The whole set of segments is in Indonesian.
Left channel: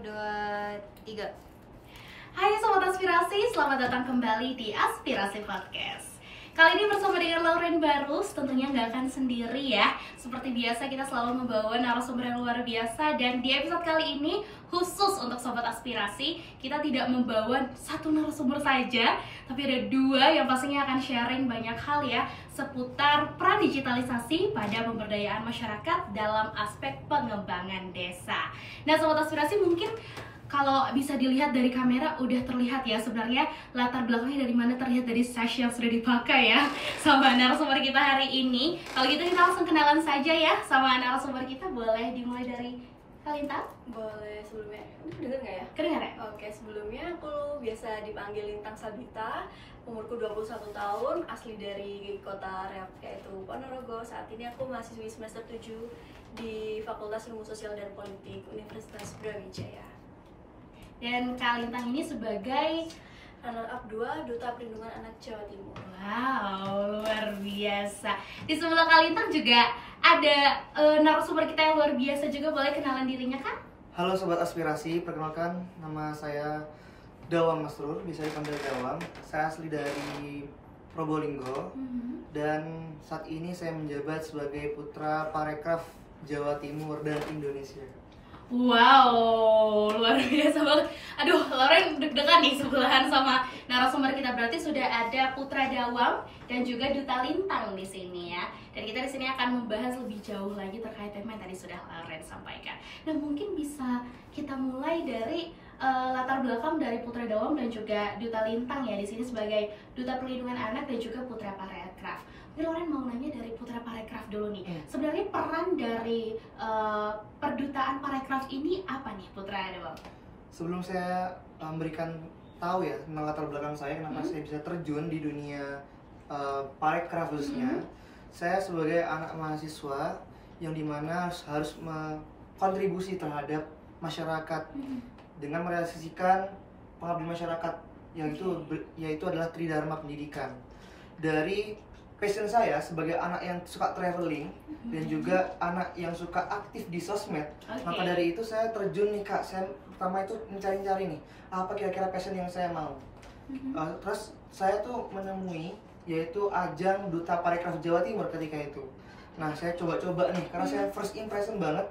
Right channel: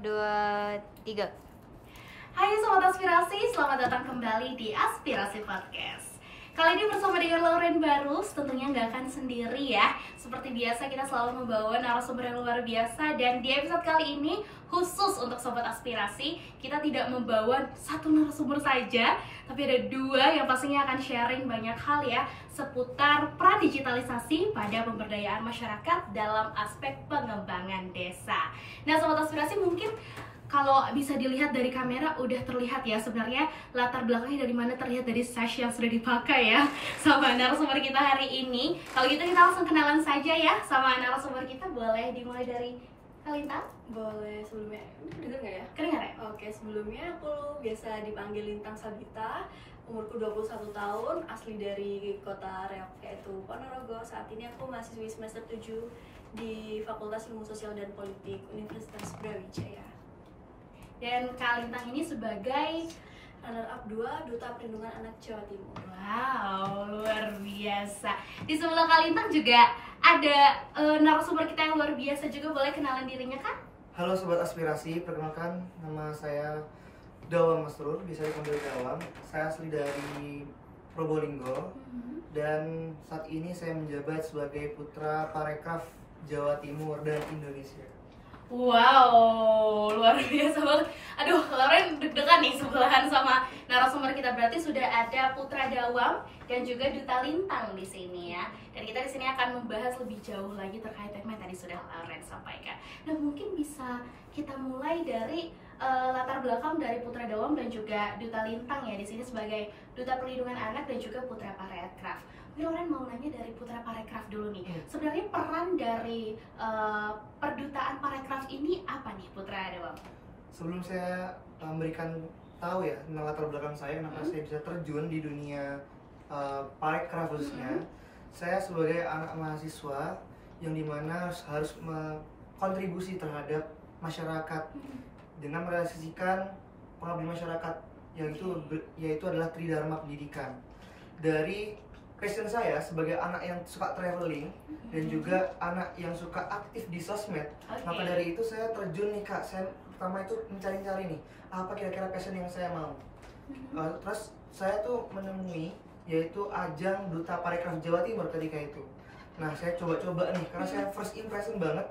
2, 3. Hai Sobat Aspirasi, selamat datang kembali di Aspirasi Podcast. Kali ini bersama dengan Lauren Barus, tentunya nggak akan sendiri ya. Seperti biasa kita selalu membawa narasumber yang luar biasa. Dan di episode kali ini khusus untuk Sobat Aspirasi, kita tidak membawa satu narasumber saja, tapi ada dua yang pastinya akan sharing banyak hal ya seputar peran digitalisasi pada pemberdayaan masyarakat dalam aspek pengembangan desa. Nah Sobat Aspirasi, mungkin kalau bisa dilihat dari kamera udah terlihat ya sebenarnya latar belakangnya dari mana, terlihat dari sash yang sudah dipakai ya sama narasumber kita hari ini. Kalau gitu kita langsung kenalan saja ya sama narasumber kita. Boleh dimulai dari Lintang? Boleh. Sebelumnya, ini kedengar nggak ya? Kedengar ya? Oke, sebelumnya aku biasa dipanggil Lintang Sabita. Umurku 21 tahun, asli dari kota Riau, yaitu Ponorogo. Saat ini aku mahasiswi semester 7 di Fakultas Ilmu Sosial dan Politik Universitas Brawijaya. Dan Kak Lintang ini sebagai Runner-up 2 Duta Perlindungan Anak Jawa Timur. wow, luar biasa. Di sebelah Kak Lintang juga ada narasumber kita yang luar biasa juga. Boleh kenalan dirinya Kak? Halo Sobat Aspirasi, perkenalkan nama saya Dawang Masrur, bisa dipanggil Dawang. Saya asli dari Probolinggo dan saat ini saya menjabat sebagai Putra Parekraf Jawa Timur dan Indonesia. Wow, luar biasa banget. Aduh, Lauren deg-degan nih sebelahan sama narasumber kita. Berarti sudah ada Putra Dawang dan juga Duta Lintang di sini ya. Dan kita di sini akan membahas lebih jauh lagi terkait tema yang tadi sudah Lauren sampaikan. Dan mungkin bisa kita mulai dari latar belakang dari Putra Dawang dan juga Duta Lintang ya, di sini sebagai Duta Perlindungan Anak dan juga Putra Parekraf. Lauren mau nanya dari Putra Parekraf dulu nih. Sebenarnya peran dari perdutaan Parekraf ini apa nih Putra Dawang? Sebelum saya memberikan tahu ya tentang latar belakang saya, kenapa saya bisa terjun di dunia Parekraf khususnya, saya sebagai anak mahasiswa yang dimana harus kontribusi terhadap masyarakat dengan merealisasikan pengabdian masyarakat, yaitu adalah Tridharma Pendidikan. Dari passion saya sebagai anak yang suka traveling dan juga anak yang suka aktif di sosmed, maka dari itu saya terjun nih Kak. Saya pertama itu mencari-cari nih apa kira-kira passion yang saya mau. Terus saya tuh menemui yaitu ajang Duta Parekraf Jawa Timur ketika itu. Nah saya coba-coba nih karena saya first impression banget,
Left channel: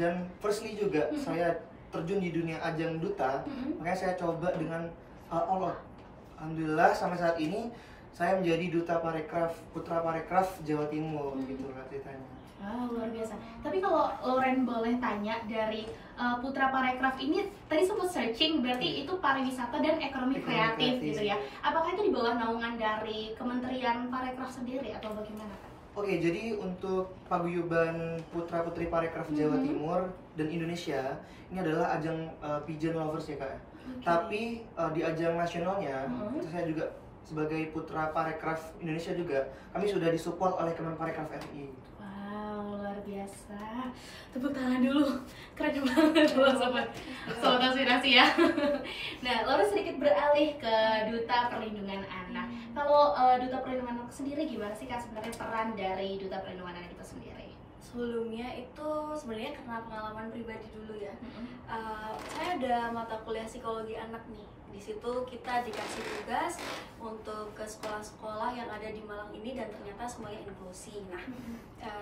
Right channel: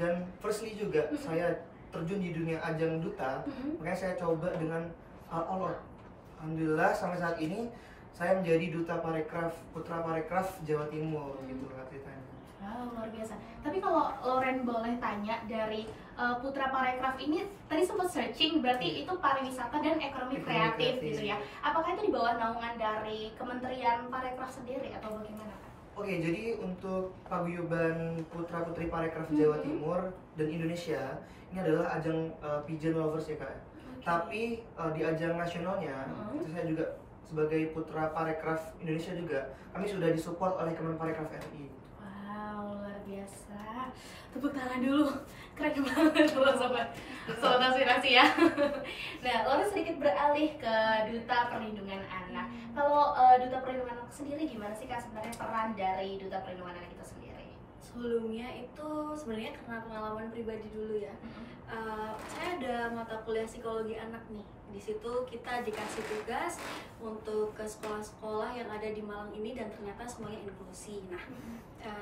dan firstly juga saya terjun di dunia ajang duta, makanya saya coba dengan all out. Alhamdulillah sampai saat ini saya menjadi Duta Parekraf, Putra Parekraf Jawa Timur gitu lah ceritanya. Luar biasa. Tapi kalau Lauren boleh tanya dari Putra Parekraf ini, tadi sempat searching, berarti itu pariwisata dan ekonomi kreatif gitu ya. Apakah itu di bawah naungan dari Kementerian Parekraf sendiri atau bagaimana Kak? Oke, jadi untuk paguyuban Putra Putri Parekraf Jawa Timur dan Indonesia ini adalah ajang Pigeon Lovers ya Kak. Tapi di ajang nasionalnya itu saya juga sebagai Putra Parekraf Indonesia juga, kami sudah disupport oleh Kemenparekraf RI. Wow, luar biasa. Tepuk tangan dulu. Keren banget loh Sobat Aspirasi ya. Nah, lalu sedikit beralih ke Duta Perlindungan Anak. Kalau Duta Perlindungan Anak sendiri gimana sih Kak sebenarnya peran dari Duta Perlindungan Anak itu sendiri? Sebelumnya itu sebenarnya karena pengalaman pribadi dulu ya. Saya ada mata kuliah psikologi anak nih. Di situ kita dikasih tugas untuk ke sekolah-sekolah yang ada di Malang ini dan ternyata semuanya inklusi. Nah,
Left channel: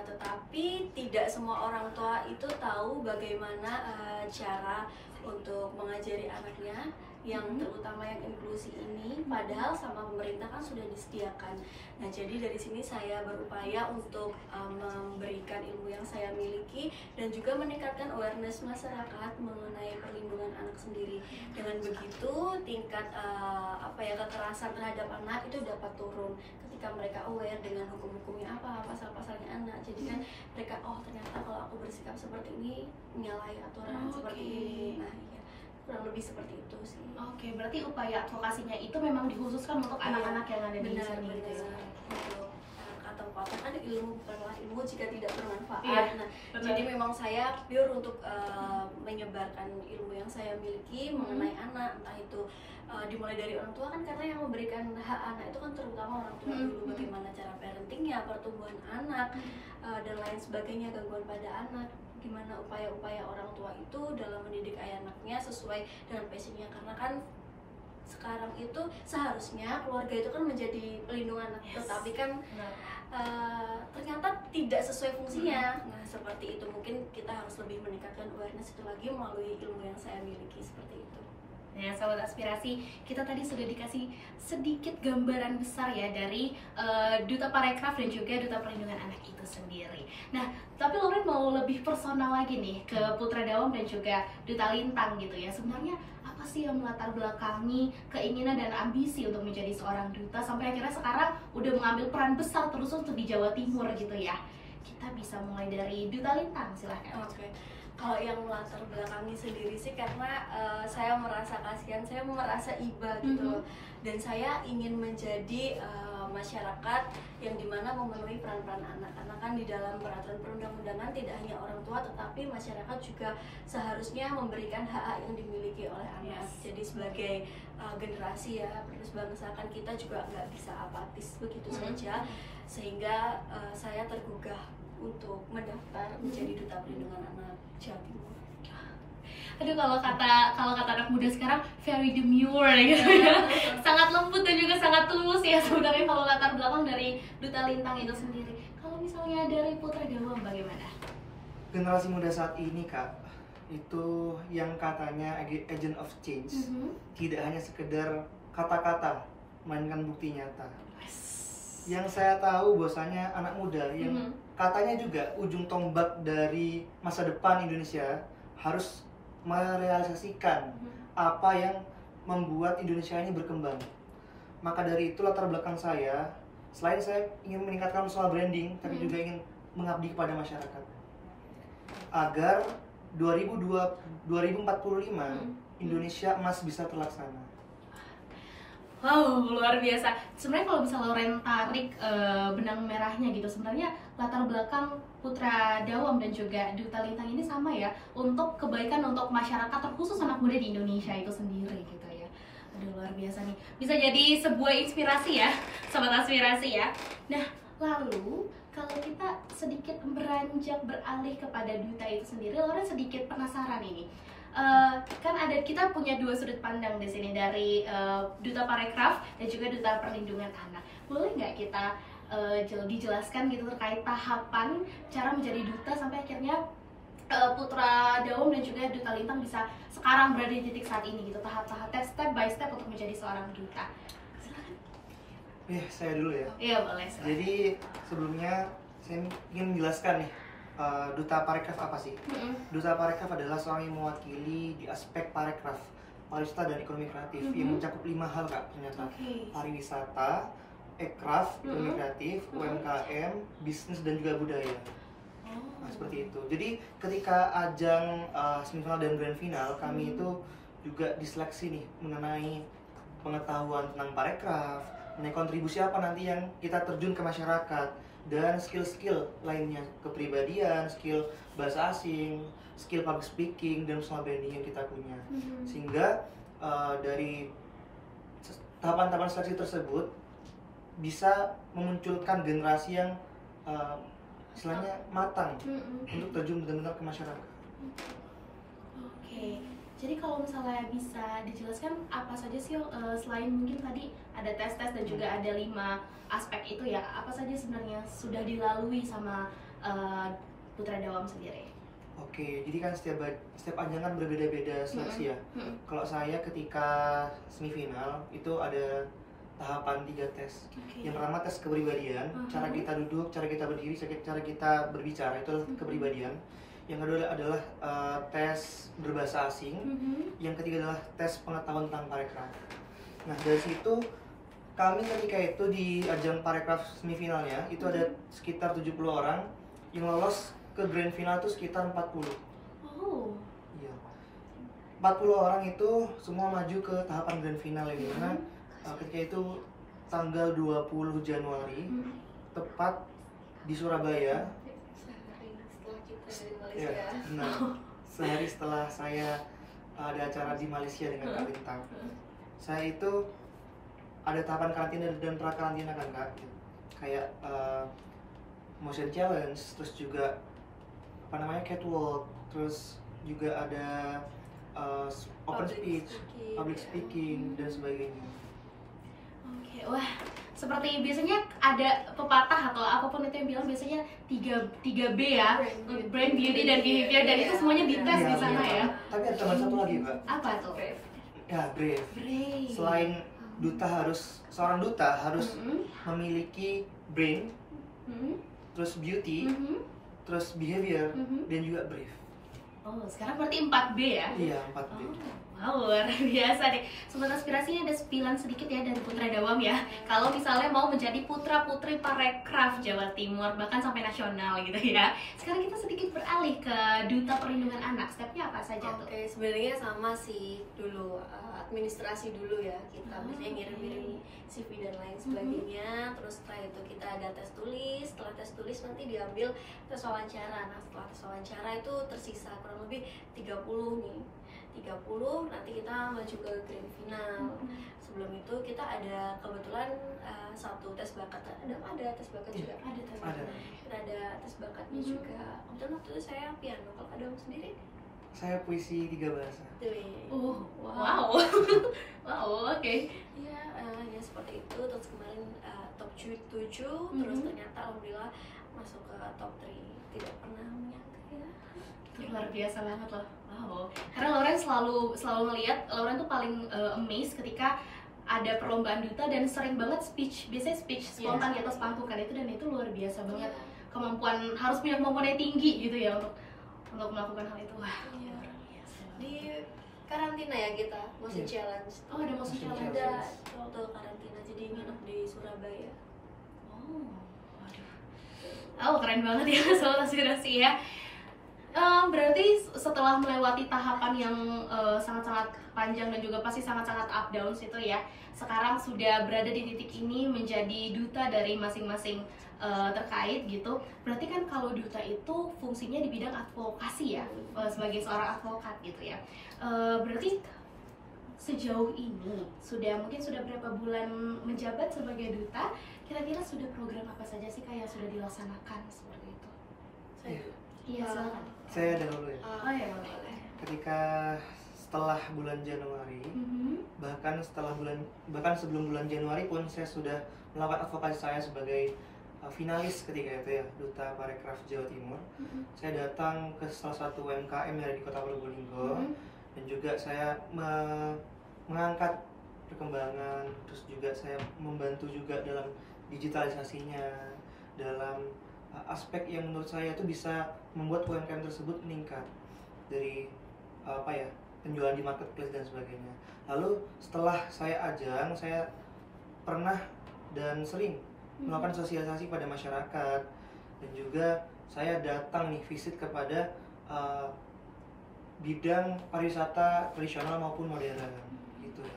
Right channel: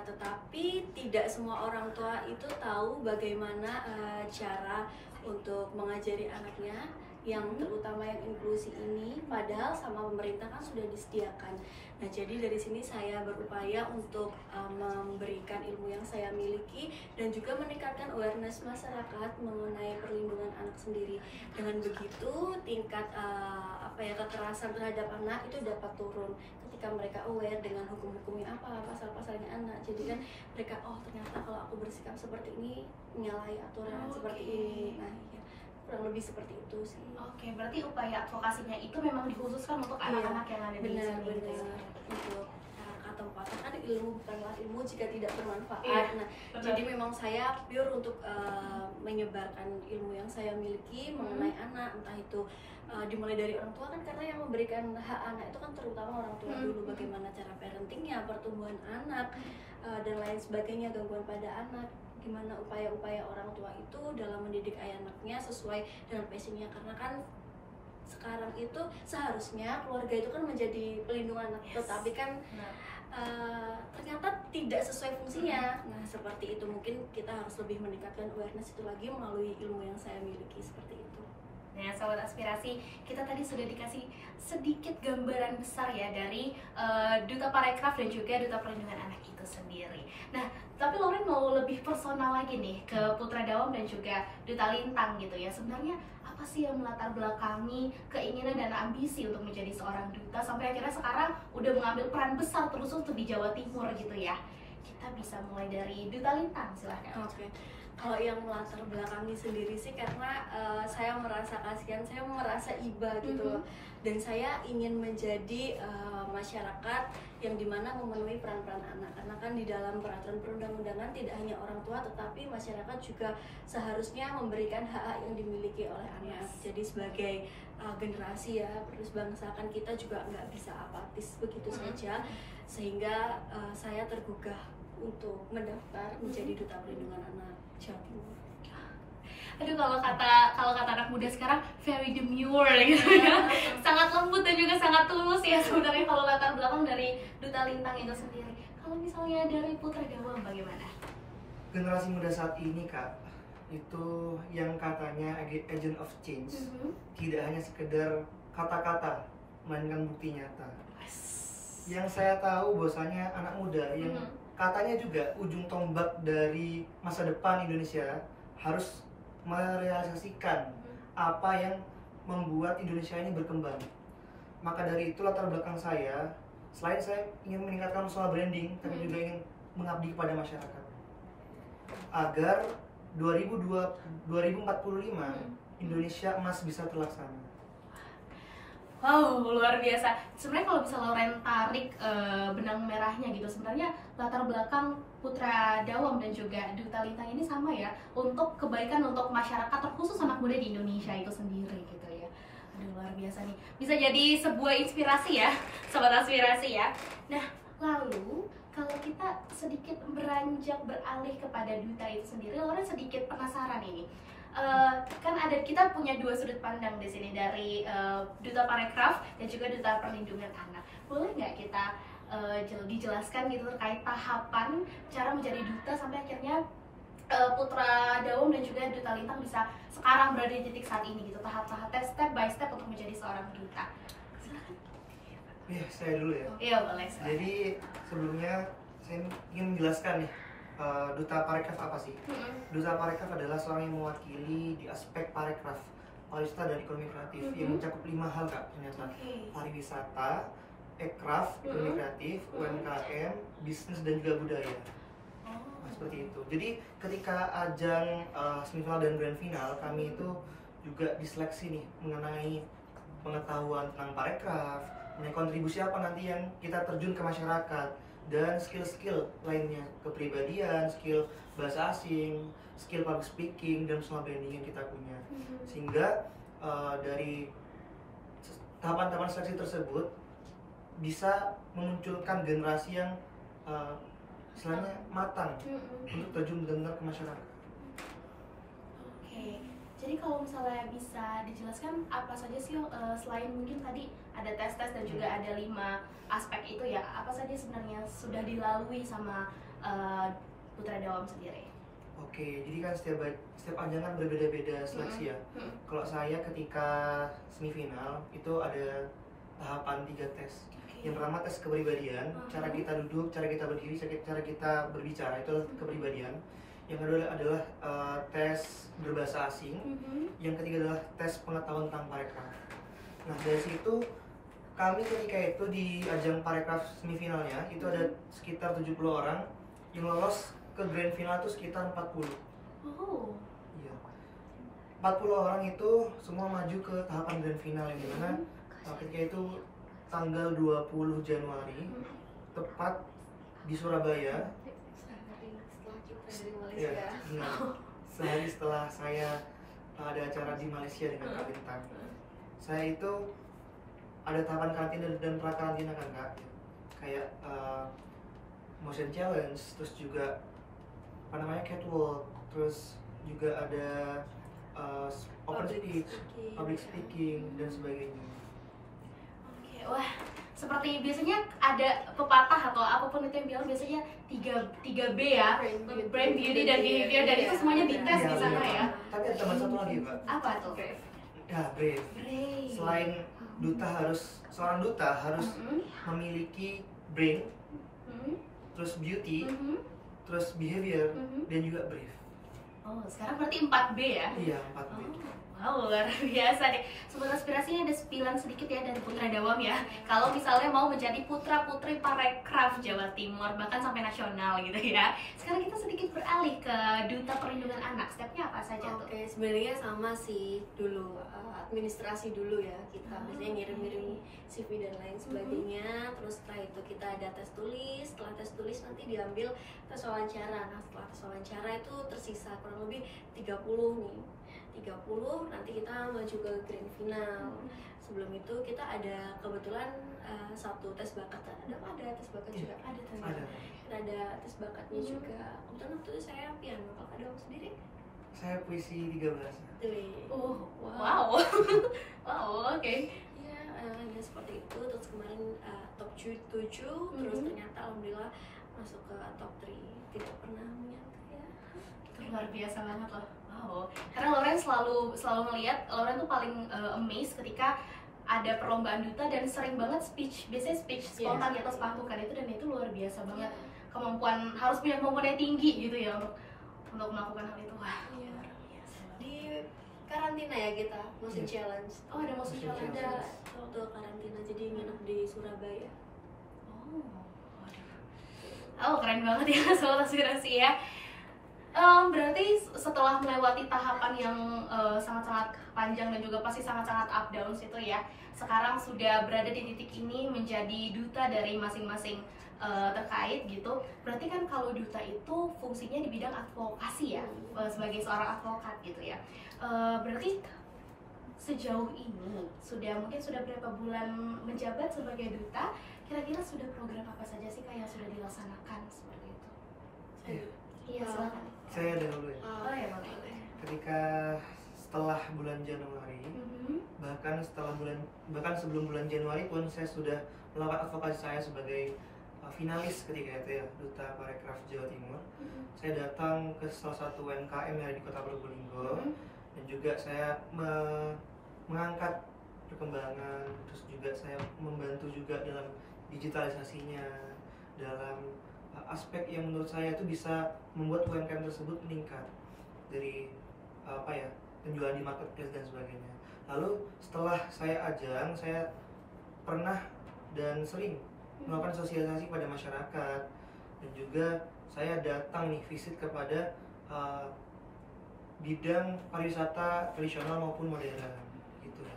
tetapi tidak semua orang tua itu tahu bagaimana cara untuk mengajari anaknya yang terutama yang inklusi ini, padahal sama pemerintah kan sudah disediakan. Nah, jadi dari sini saya berupaya untuk memberikan ilmu yang saya miliki dan juga meningkatkan awareness masyarakat mengenai perlindungan anak sendiri. Dengan begitu tingkat kekerasan terhadap anak itu dapat turun ketika mereka aware dengan hukum-hukumnya apa, pasal-pasalnya anak. Jadi kan mereka ternyata kalau aku bersikap seperti ini menyalahi aturan seperti ini. Nah, iya. Kurang lebih seperti itu sih. Oke, berarti upaya advokasinya itu memang dikhususkan untuk anak-anak yang ada di sini gitu ya. Untuk atau pepatah kan, ilmu bukanlah ilmu jika tidak bermanfaat. Iya, Nah, benar. jadi memang saya pure untuk menyebarkan ilmu yang saya miliki mengenai anak, entah itu dimulai dari orang tua kan, karena yang memberikan hak anak itu kan terutama orang tua dulu, bagaimana cara parentingnya, pertumbuhan anak, dan lain sebagainya, gangguan pada anak, gimana upaya-upaya orang tua itu dalam mendidik anaknya sesuai dengan passionnya, karena kan sekarang itu seharusnya keluarga itu kan menjadi pelindung anak, tetapi kan ternyata tidak sesuai fungsinya. Nah, seperti itu mungkin kita harus lebih meningkatkan awareness itu lagi melalui ilmu yang saya miliki, seperti itu. Nah, Sobat Aspirasi, kita tadi sudah dikasih sedikit gambaran besar ya dari Duta Parekraf dan juga Duta Perlindungan Anak itu sendiri. Nah, tapi Lauren mau lebih personal lagi nih ke Putra Dawam dan juga Duta Lintang gitu ya. Sebenarnya apa sih yang melatar belakangi keinginan dan ambisi untuk menjadi seorang duta sampai akhirnya sekarang udah mengambil peran besar terus untuk di Jawa Timur gitu ya. Kita bisa mulai dari Duta Lintang, silahkan. Oke. Kalau yang melatar belakangi sendiri sih karena saya merasa kasihan, saya merasa iba gitu, dan saya ingin menjadi masyarakat yang dimana memenuhi peran-peran anak. Karena kan di dalam peraturan perundang-undangan tidak hanya orang tua, tetapi masyarakat juga seharusnya memberikan hak-hak yang dimiliki oleh anak. Jadi sebagai generasi ya, terus bangsa kan kita juga nggak bisa apatis begitu saja, sehingga saya tergugah untuk mendaftar menjadi Duta Perlindungan Anak Jawa Timur. Aduh, kalau kata anak muda sekarang very demure gitu ya. Sangat lembut dan juga sangat tulus ya sebenarnya kalau latar belakang dari Duta Lintang itu sendiri. Kalau misalnya dari Putra Dawam bagaimana? Generasi muda saat ini Kak, itu yang katanya agent of change, tidak hanya sekedar kata-kata, melainkan bukti nyata. Yang saya tahu bahwasanya anak muda yang katanya juga ujung tombak dari masa depan Indonesia harus merealisasikan apa yang membuat Indonesia ini berkembang. Maka dari itu latar belakang saya, selain saya ingin meningkatkan soal branding, tapi juga ingin mengabdi kepada masyarakat agar 2045 Indonesia emas bisa terlaksana. Wow, luar biasa. Sebenarnya kalau bisa Lauren tarik benang merahnya gitu, sebenarnya latar belakang Putra Dawam dan juga Duta Lintang ini sama ya, untuk kebaikan untuk masyarakat, terkhusus anak muda di Indonesia itu sendiri gitu ya. Aduh, luar biasa nih. Bisa jadi sebuah inspirasi ya, Sobat Aspirasi ya. Nah, lalu kalau kita sedikit beranjak beralih kepada Duta itu sendiri, Lauren sedikit penasaran ini. Kan kita punya dua sudut pandang di sini dari Duta Parekraf dan juga Duta Perlindungan Anak. Boleh nggak kita dijelaskan gitu terkait tahapan cara menjadi duta sampai akhirnya Putra Dawam dan juga Duta Lintang bisa sekarang berada di titik saat ini gitu, tahap-tahap step by step untuk menjadi seorang duta. Saya dulu ya. Iya, boleh. Jadi sebelumnya saya ingin menjelaskan nih, Duta Parekraf apa sih? Duta Parekraf adalah seorang yang mewakili di aspek parekraf, pariwisata dan ekonomi kreatif yang mencakup 5 hal Kak ternyata. Pariwisata, ekraf, ekonomi kreatif, UMKM, bisnis dan juga budaya. Nah, seperti itu. Jadi ketika ajang semifinal dan grand final, kami itu juga diseleksi nih mengenai pengetahuan tentang parekraf, mengenai kontribusi apa nanti yang kita terjun ke masyarakat, dan skill-skill lainnya, kepribadian, skill bahasa asing, skill public speaking, dan personal branding yang kita punya. Sehingga dari tahapan-tahapan seleksi tersebut bisa memunculkan generasi yang istilahnya matang untuk terjun benar-benar ke masyarakat. Oke, jadi kalau misalnya bisa dijelaskan apa saja sih selain mungkin tadi ada tes-tes dan juga ada 5 aspek itu ya, apa saja sebenarnya sudah dilalui sama Putra Dawam sendiri? Oke, jadi kan setiap ajang kan berbeda-beda seleksi ya. Kalau saya ketika semifinal itu ada tahapan 3 tes. Yang pertama tes kepribadian, cara kita duduk, cara kita berdiri, cara kita berbicara, itu kepribadian. Yang kedua adalah tes berbahasa asing. Yang ketiga adalah tes pengetahuan tentang parekraf. Nah, dari situ kami ketika itu di ajang parekraf semifinalnya itu ada sekitar 70 orang, yang lolos ke grand final itu sekitar 40. Iya. 40 orang itu semua maju ke tahapan grand final yang dimana ketika itu tanggal 20 Januari tepat di Surabaya. Sehari setelah kita dari Ya, Malaysia. benar. Sehari setelah saya ada acara di Malaysia dengan Kak Bintang. Saya itu ada tahapan karantina dan pra karantina kan Kak. Kayak motion challenge, terus juga apa namanya catwalk, terus juga ada open speech, public speaking dan sebagainya. Oke, wah, seperti biasanya ada pepatah atau apapun itu yang bilang biasanya 3B ya, brand beauty dan behavior, dan itu semuanya dites Iya, di sana iya. ya. Tapi ada tambahan satu lagi Kak. Apa tuh? Ya, brave. Brave. Selain seorang duta harus memiliki brain, terus beauty, terus behavior, dan juga brave. Oh, sekarang berarti 4B ya? Iya, 4B. Wow, luar biasa deh. Sobat Aspirasi, ini ada spilan sedikit ya dari Putra Dawam ya. Kalau misalnya mau menjadi putra-putri Parekraf Jawa Timur, bahkan sampai nasional gitu ya. Sekarang kita sedikit beralih ke Duta Perlindungan Anak. Stepnya apa saja tuh? Oke, sebenarnya sama sih dulu administrasi dulu ya, kita biasanya ngirim-ngirim CV dan lain sebagainya. Terus setelah itu kita ada tes tulis. Setelah tes tulis nanti diambil tes wawancara. Nah, setelah tes wawancara itu tersisa kurang lebih 30 nih. 30 nanti kita maju ke grand final. Sebelum itu kita ada kebetulan satu tes bakat. Ada tes bakat juga. Ada tes Ada. Kita ada tes bakatnya juga. Kebetulan waktu itu saya piano. Kalau ada sendiri? Saya puisi 3 bahasa. Oh, wow. Wow, oke. Iya, ya seperti itu. Terus kemarin top 7, terus ternyata alhamdulillah masuk ke top 3. Tidak pernah menyangka ya. Itu luar biasa banget loh. Wow. Karena Lauren selalu ngeliat, Lauren tuh paling amazed ketika ada perlombaan duta dan sering banget speech, biasanya speech spontan di atas panggung kan itu, dan itu luar biasa banget. Kemampuan, harus punya kemampuan yang tinggi gitu ya untuk melakukan hal itu. Wah, Iya. luar biasa. Di karantina ya kita, motion challenge. Oh, ada motion challenge. Ada waktu karantina, jadi nginep di Surabaya. Oh, waduh. Oh, keren banget ya Sobat Aspirasi ya. Berarti setelah melewati tahapan yang sangat-sangat panjang dan juga pasti sangat-sangat up down itu ya, sekarang sudah berada di titik ini menjadi duta dari masing-masing terkait gitu. Berarti kan kalau duta itu fungsinya di bidang advokasi ya, sebagai seorang advokat gitu ya. Berarti sejauh ini mungkin sudah berapa bulan menjabat sebagai duta, kira-kira sudah program apa saja sih Kak yang sudah dilaksanakan seperti itu? Iya, silakan. Saya ada dulu ya. Oh ya, boleh. Ketika setelah bulan Januari, bahkan sebelum bulan Januari pun saya sudah melakukan advokasi saya sebagai finalis ketika itu ya, Duta Parekraf Jawa Timur. Saya datang ke salah satu UMKM yang ada di Kota Probolinggo, dan juga saya mengangkat perkembangan, terus juga saya membantu juga dalam digitalisasinya, dalam aspek yang menurut saya itu bisa membuat UMKM tersebut meningkat dari penjualan di marketplace dan sebagainya. Lalu setelah saya ajang, saya pernah dan sering melakukan sosialisasi pada masyarakat, dan juga saya datang nih visit kepada bidang pariwisata tradisional maupun modern gitu ya.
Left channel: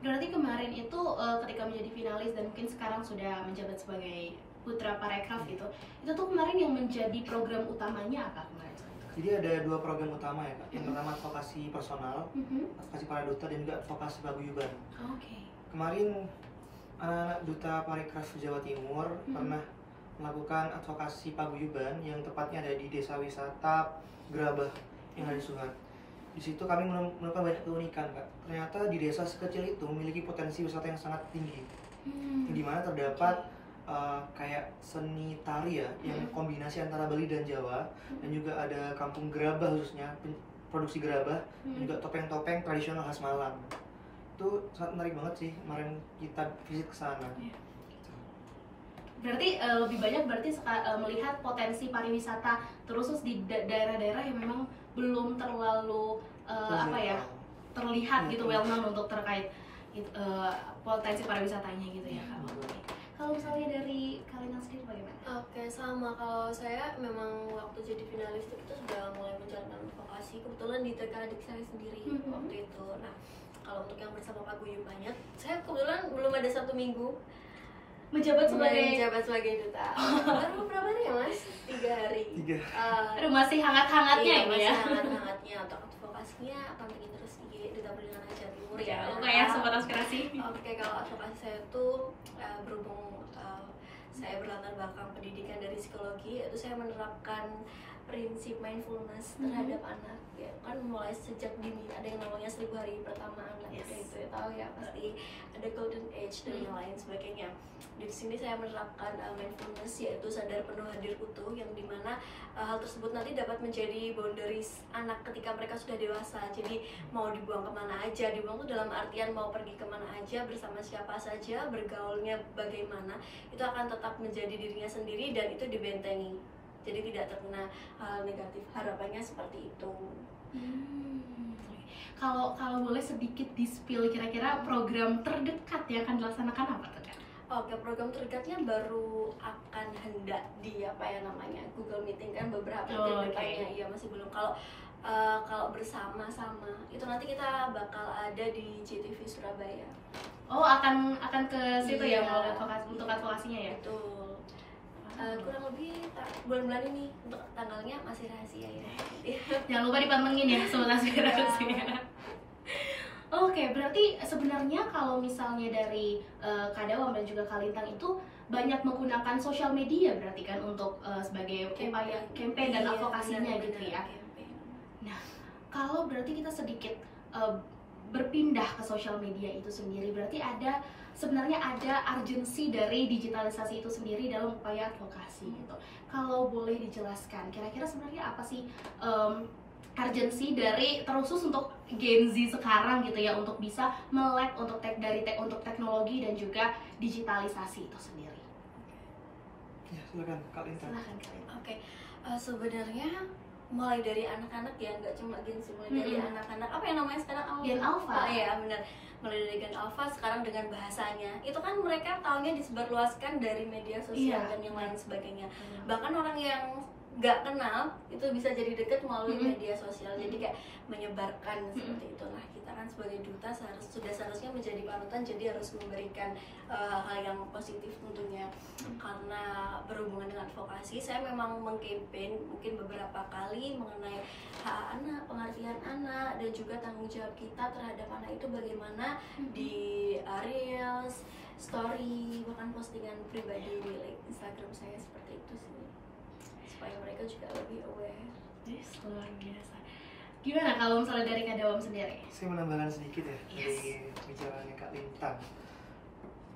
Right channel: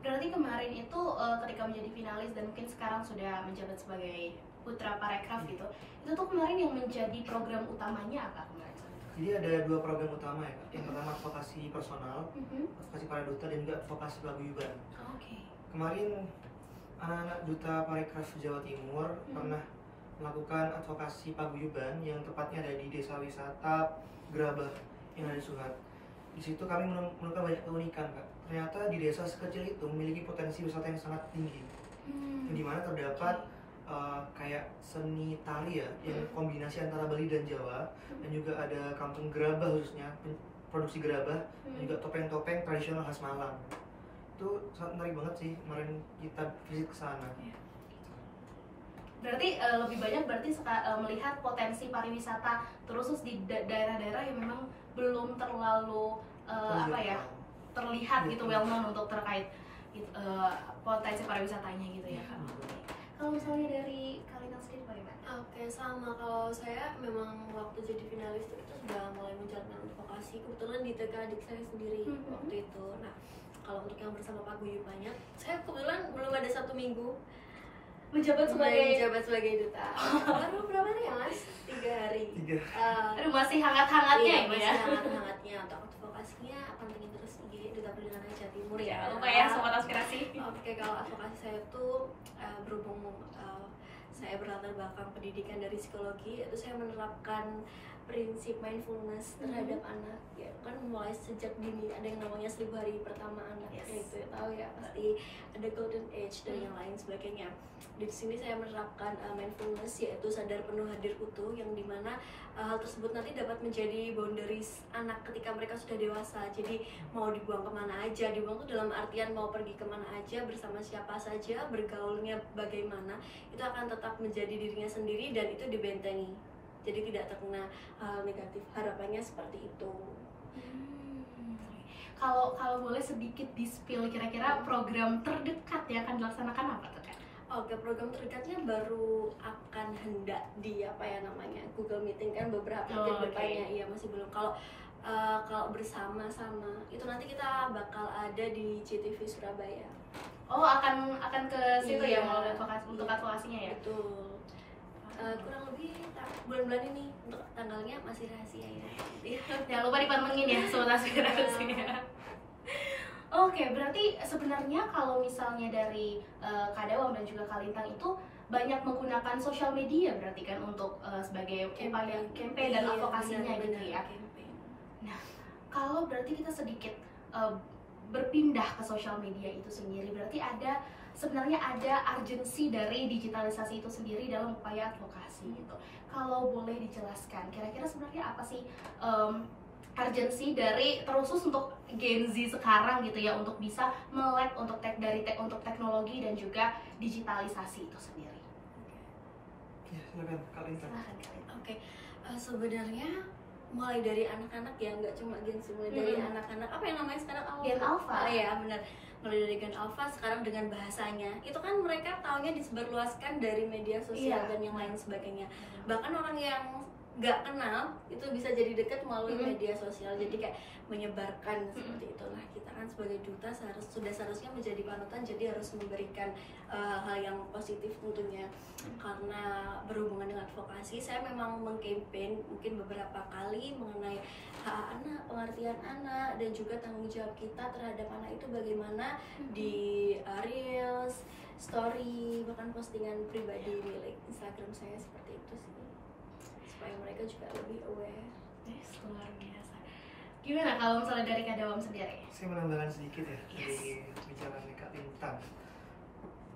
Berarti kemarin itu ketika menjadi finalis dan mungkin sekarang sudah menjabat sebagai Putra Parekraf gitu, itu tuh kemarin yang menjadi program utamanya apa kemarin? Jadi ada 2 program utama ya Kak. Yang pertama advokasi personal, advokasi para duta, dan juga advokasi paguyuban. Oke. Kemarin anak-anak Duta Parekraf Jawa Timur pernah melakukan advokasi paguyuban yang tepatnya ada di Desa Wisata Gerabah yang ada di Suhat. Di situ kami menemukan banyak keunikan Kak. Ternyata di desa sekecil itu memiliki potensi wisata yang sangat tinggi, di mana terdapat kayak seni tari ya, yang kombinasi antara Bali dan Jawa, dan juga ada kampung gerabah khususnya, produksi gerabah, dan juga topeng-topeng tradisional khas Malang. Itu sangat menarik banget sih, kemarin kita visit ke sana. Berarti lebih banyak melihat potensi pariwisata terusus di daerah-daerah yang memang belum terlalu terlihat gitu, well known untuk terkait potensi pariwisatanya gitu ya Kak. Kalau misalnya dari Kalina sendiri bagaimana? Oke, sama. Kalau saya memang waktu jadi finalis itu kita sudah mulai menjalankan advokasi. Kebetulan di TK adik saya sendiri waktu itu. Nah, kalau untuk yang bersama paguyubannya, saya kebetulan belum ada 1 minggu menjabat sebagai duta. Baru berapa hari ya Mas? 3 hari. 3. Aduh, masih hangat-hangatnya Iya, ya, Bu, masih ya. hangat-hangatnya. Untuk advokasinya akan pergi terus di Duta Perlindungan Anak Jawa Timur ya. Kayak sobat aspirasi. Oke, kalau advokasi saya tuh berhubung saya berlatar belakang pendidikan dari psikologi, itu saya menerapkan prinsip mindfulness terhadap anak ya kan, mulai sejak dini. Ada yang namanya 1000 hari pertama anak, Yes. itu tahu ya pasti, ada golden age dan yang lain sebagainya. Di sini saya menerapkan mindfulness, yaitu sadar penuh hadir utuh, yang dimana hal tersebut nanti dapat menjadi boundaries anak ketika mereka sudah dewasa. Jadi mau dibuang kemana aja, dibuang tuh dalam artian mau pergi kemana aja, bersama siapa saja, bergaulnya bagaimana, itu akan tetap menjadi dirinya sendiri dan itu dibentengi. Jadi tidak terkena hal negatif, harapannya seperti itu. Kalau boleh sedikit di-spill kira-kira program terdekat yang akan dilaksanakan apa tuh, Kak? Oke, program terdekatnya baru akan hendak di apa ya namanya, Google Meeting kan beberapa ke depannya. Iya, masih belum. Kalau bersama-sama itu nanti kita bakal ada di CTV Surabaya. Oh, akan ke situ ya, Iya, untuk advokasinya ya? Betul. Kurang lebih bulan-bulan ini, untuk tanggalnya masih rahasia ya. Jangan lupa dipantengin ya sobat aspirasi. Oke, berarti sebenarnya kalau misalnya dari Kak Dawam dan juga Kak Lintang itu banyak menggunakan sosial media berarti kan untuk sebagai upaya campaign dan advokasinya gitu ya. Nah, kalau berarti kita sedikit berpindah ke sosial media itu sendiri, berarti sebenarnya ada urgensi dari digitalisasi itu sendiri dalam upaya advokasi gitu. Kalau boleh dijelaskan, kira-kira sebenarnya apa sih urgensi dari terusus untuk Gen Z sekarang gitu ya, untuk bisa melek untuk untuk teknologi dan juga digitalisasi itu sendiri? Ya, silakan Kak Lintang. Silakan Kak Lintang. Oke, sebenarnya mulai dari anak-anak ya, nggak cuma Gen Z, mulai dari anak-anak, apa yang namanya sekarang? Gen Alpha. Ya benar, mulai dari Gen Alpha sekarang dengan bahasanya itu kan mereka taunya disebarluaskan dari media sosial dan yang lain sebagainya. Bahkan orang yang nggak kenal itu bisa jadi dekat melalui media sosial, jadi kayak menyebarkan seperti itulah. Kita kan sebagai duta sudah seharusnya menjadi panutan, jadi harus memberikan hal yang positif tentunya. Karena berhubungan dengan advokasi, saya memang mengkampanye mungkin beberapa kali mengenai hak anak, pengertian anak, dan juga tanggung jawab kita terhadap anak itu bagaimana di reels, story, bahkan postingan pribadi milik Instagram saya, seperti itu sih, supaya mereka juga lebih aware. Luar biasa. Gimana kalau misalnya dari Kak Dawam sendiri? Saya menambahkan sedikit ya dari bicaranya Kak Lintang.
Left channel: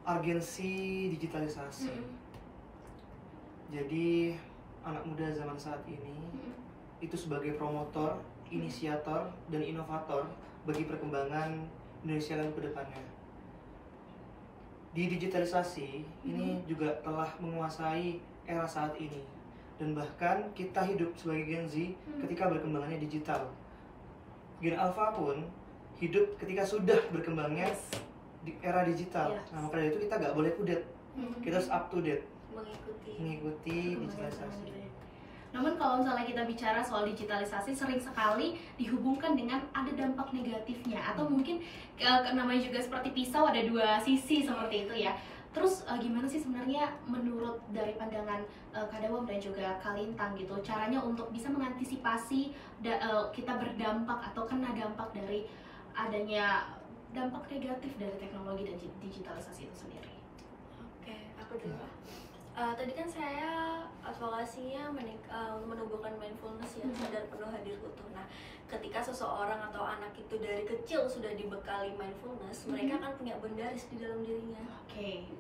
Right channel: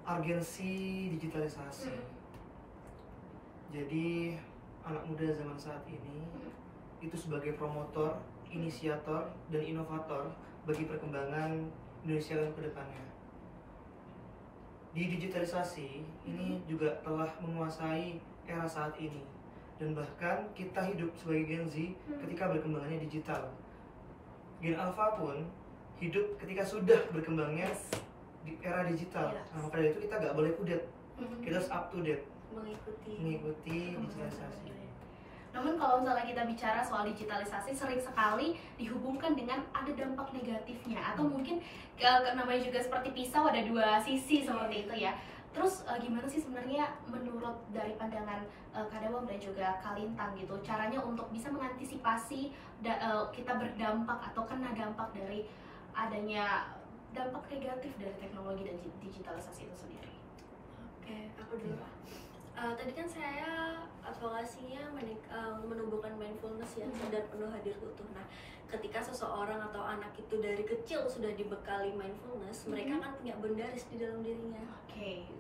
Urgensi digitalisasi. Jadi anak muda zaman saat ini itu sebagai promotor, inisiator, dan inovator bagi perkembangan Indonesia ke depannya. Di digitalisasi ini juga telah menguasai era saat ini, dan bahkan kita hidup sebagai Gen Z ketika berkembangannya digital. Gen Alpha pun hidup ketika sudah berkembangnya di era digital. Nah, maka dari itu kita nggak boleh kudet, kita harus up to date, mengikuti digitalisasi. Namun kalau misalnya kita bicara soal digitalisasi, sering sekali dihubungkan dengan ada dampak negatifnya, atau mungkin namanya juga seperti pisau, ada dua sisi seperti itu ya. Terus gimana sih sebenarnya menurut dari pandangan Kak Dawam dan juga Kak Lintang gitu, caranya untuk bisa mengantisipasi kita berdampak atau kena dampak dari adanya dampak negatif dari teknologi dan digitalisasi itu sendiri? Oke, aku dulu Pak. Tadi kan saya advokasinya untuk menumbuhkan mindfulness ya, sadar penuh hadir utuh. Nah, ketika seseorang atau anak itu dari kecil sudah dibekali mindfulness, mereka akan punya boundaries di dalam dirinya. Oke.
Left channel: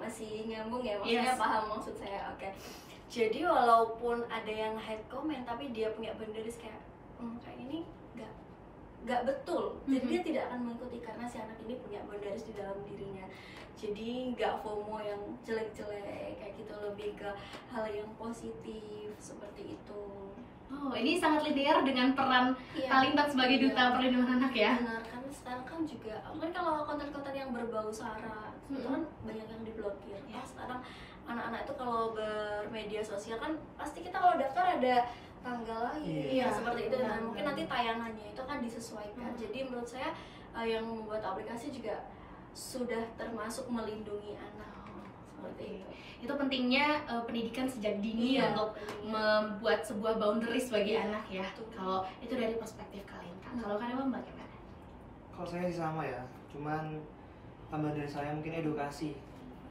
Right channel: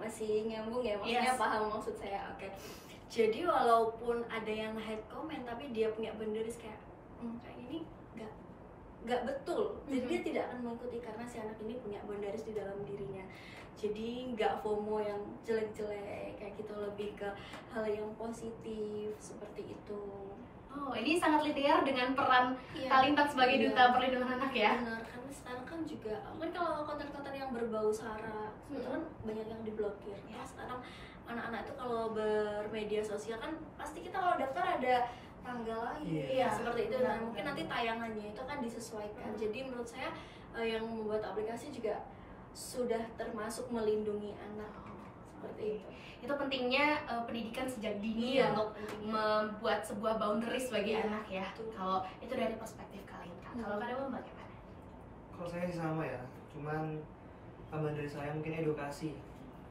Masih nyambung ya, maksudnya paham maksud saya. Oke. Jadi walaupun ada yang hate comment, tapi dia punya boundaries kayak kayak ini nggak betul. Jadi dia tidak akan mengikuti karena si anak ini punya boundaries di dalam dirinya. Jadi nggak FOMO yang jelek-jelek kayak gitu, lebih ke hal yang positif seperti itu. Oh, ini sangat linear dengan peran Kak Lintang sebagai duta perlindungan anak ya? Benar, karena sekarang kan juga kan kalau konten-konten yang berbau sara itu kan banyak yang diblokir. Sekarang anak-anak itu kalau bermedia sosial kan pasti kita kalau daftar ada tanggal lahir seperti itu. Nah, mungkin nanti tayangannya itu kan disesuaikan. Jadi menurut saya yang membuat aplikasi juga sudah termasuk melindungi anak seperti itu. Itu pentingnya pendidikan sejak dini Iya, untuk membuat sebuah boundaries bagi anak ya. betul. Kalau itu dari perspektif Kalintang. Kalau Kadewam bagaimana? Kalau saya sih sama ya, cuman tambahan dari saya mungkin edukasi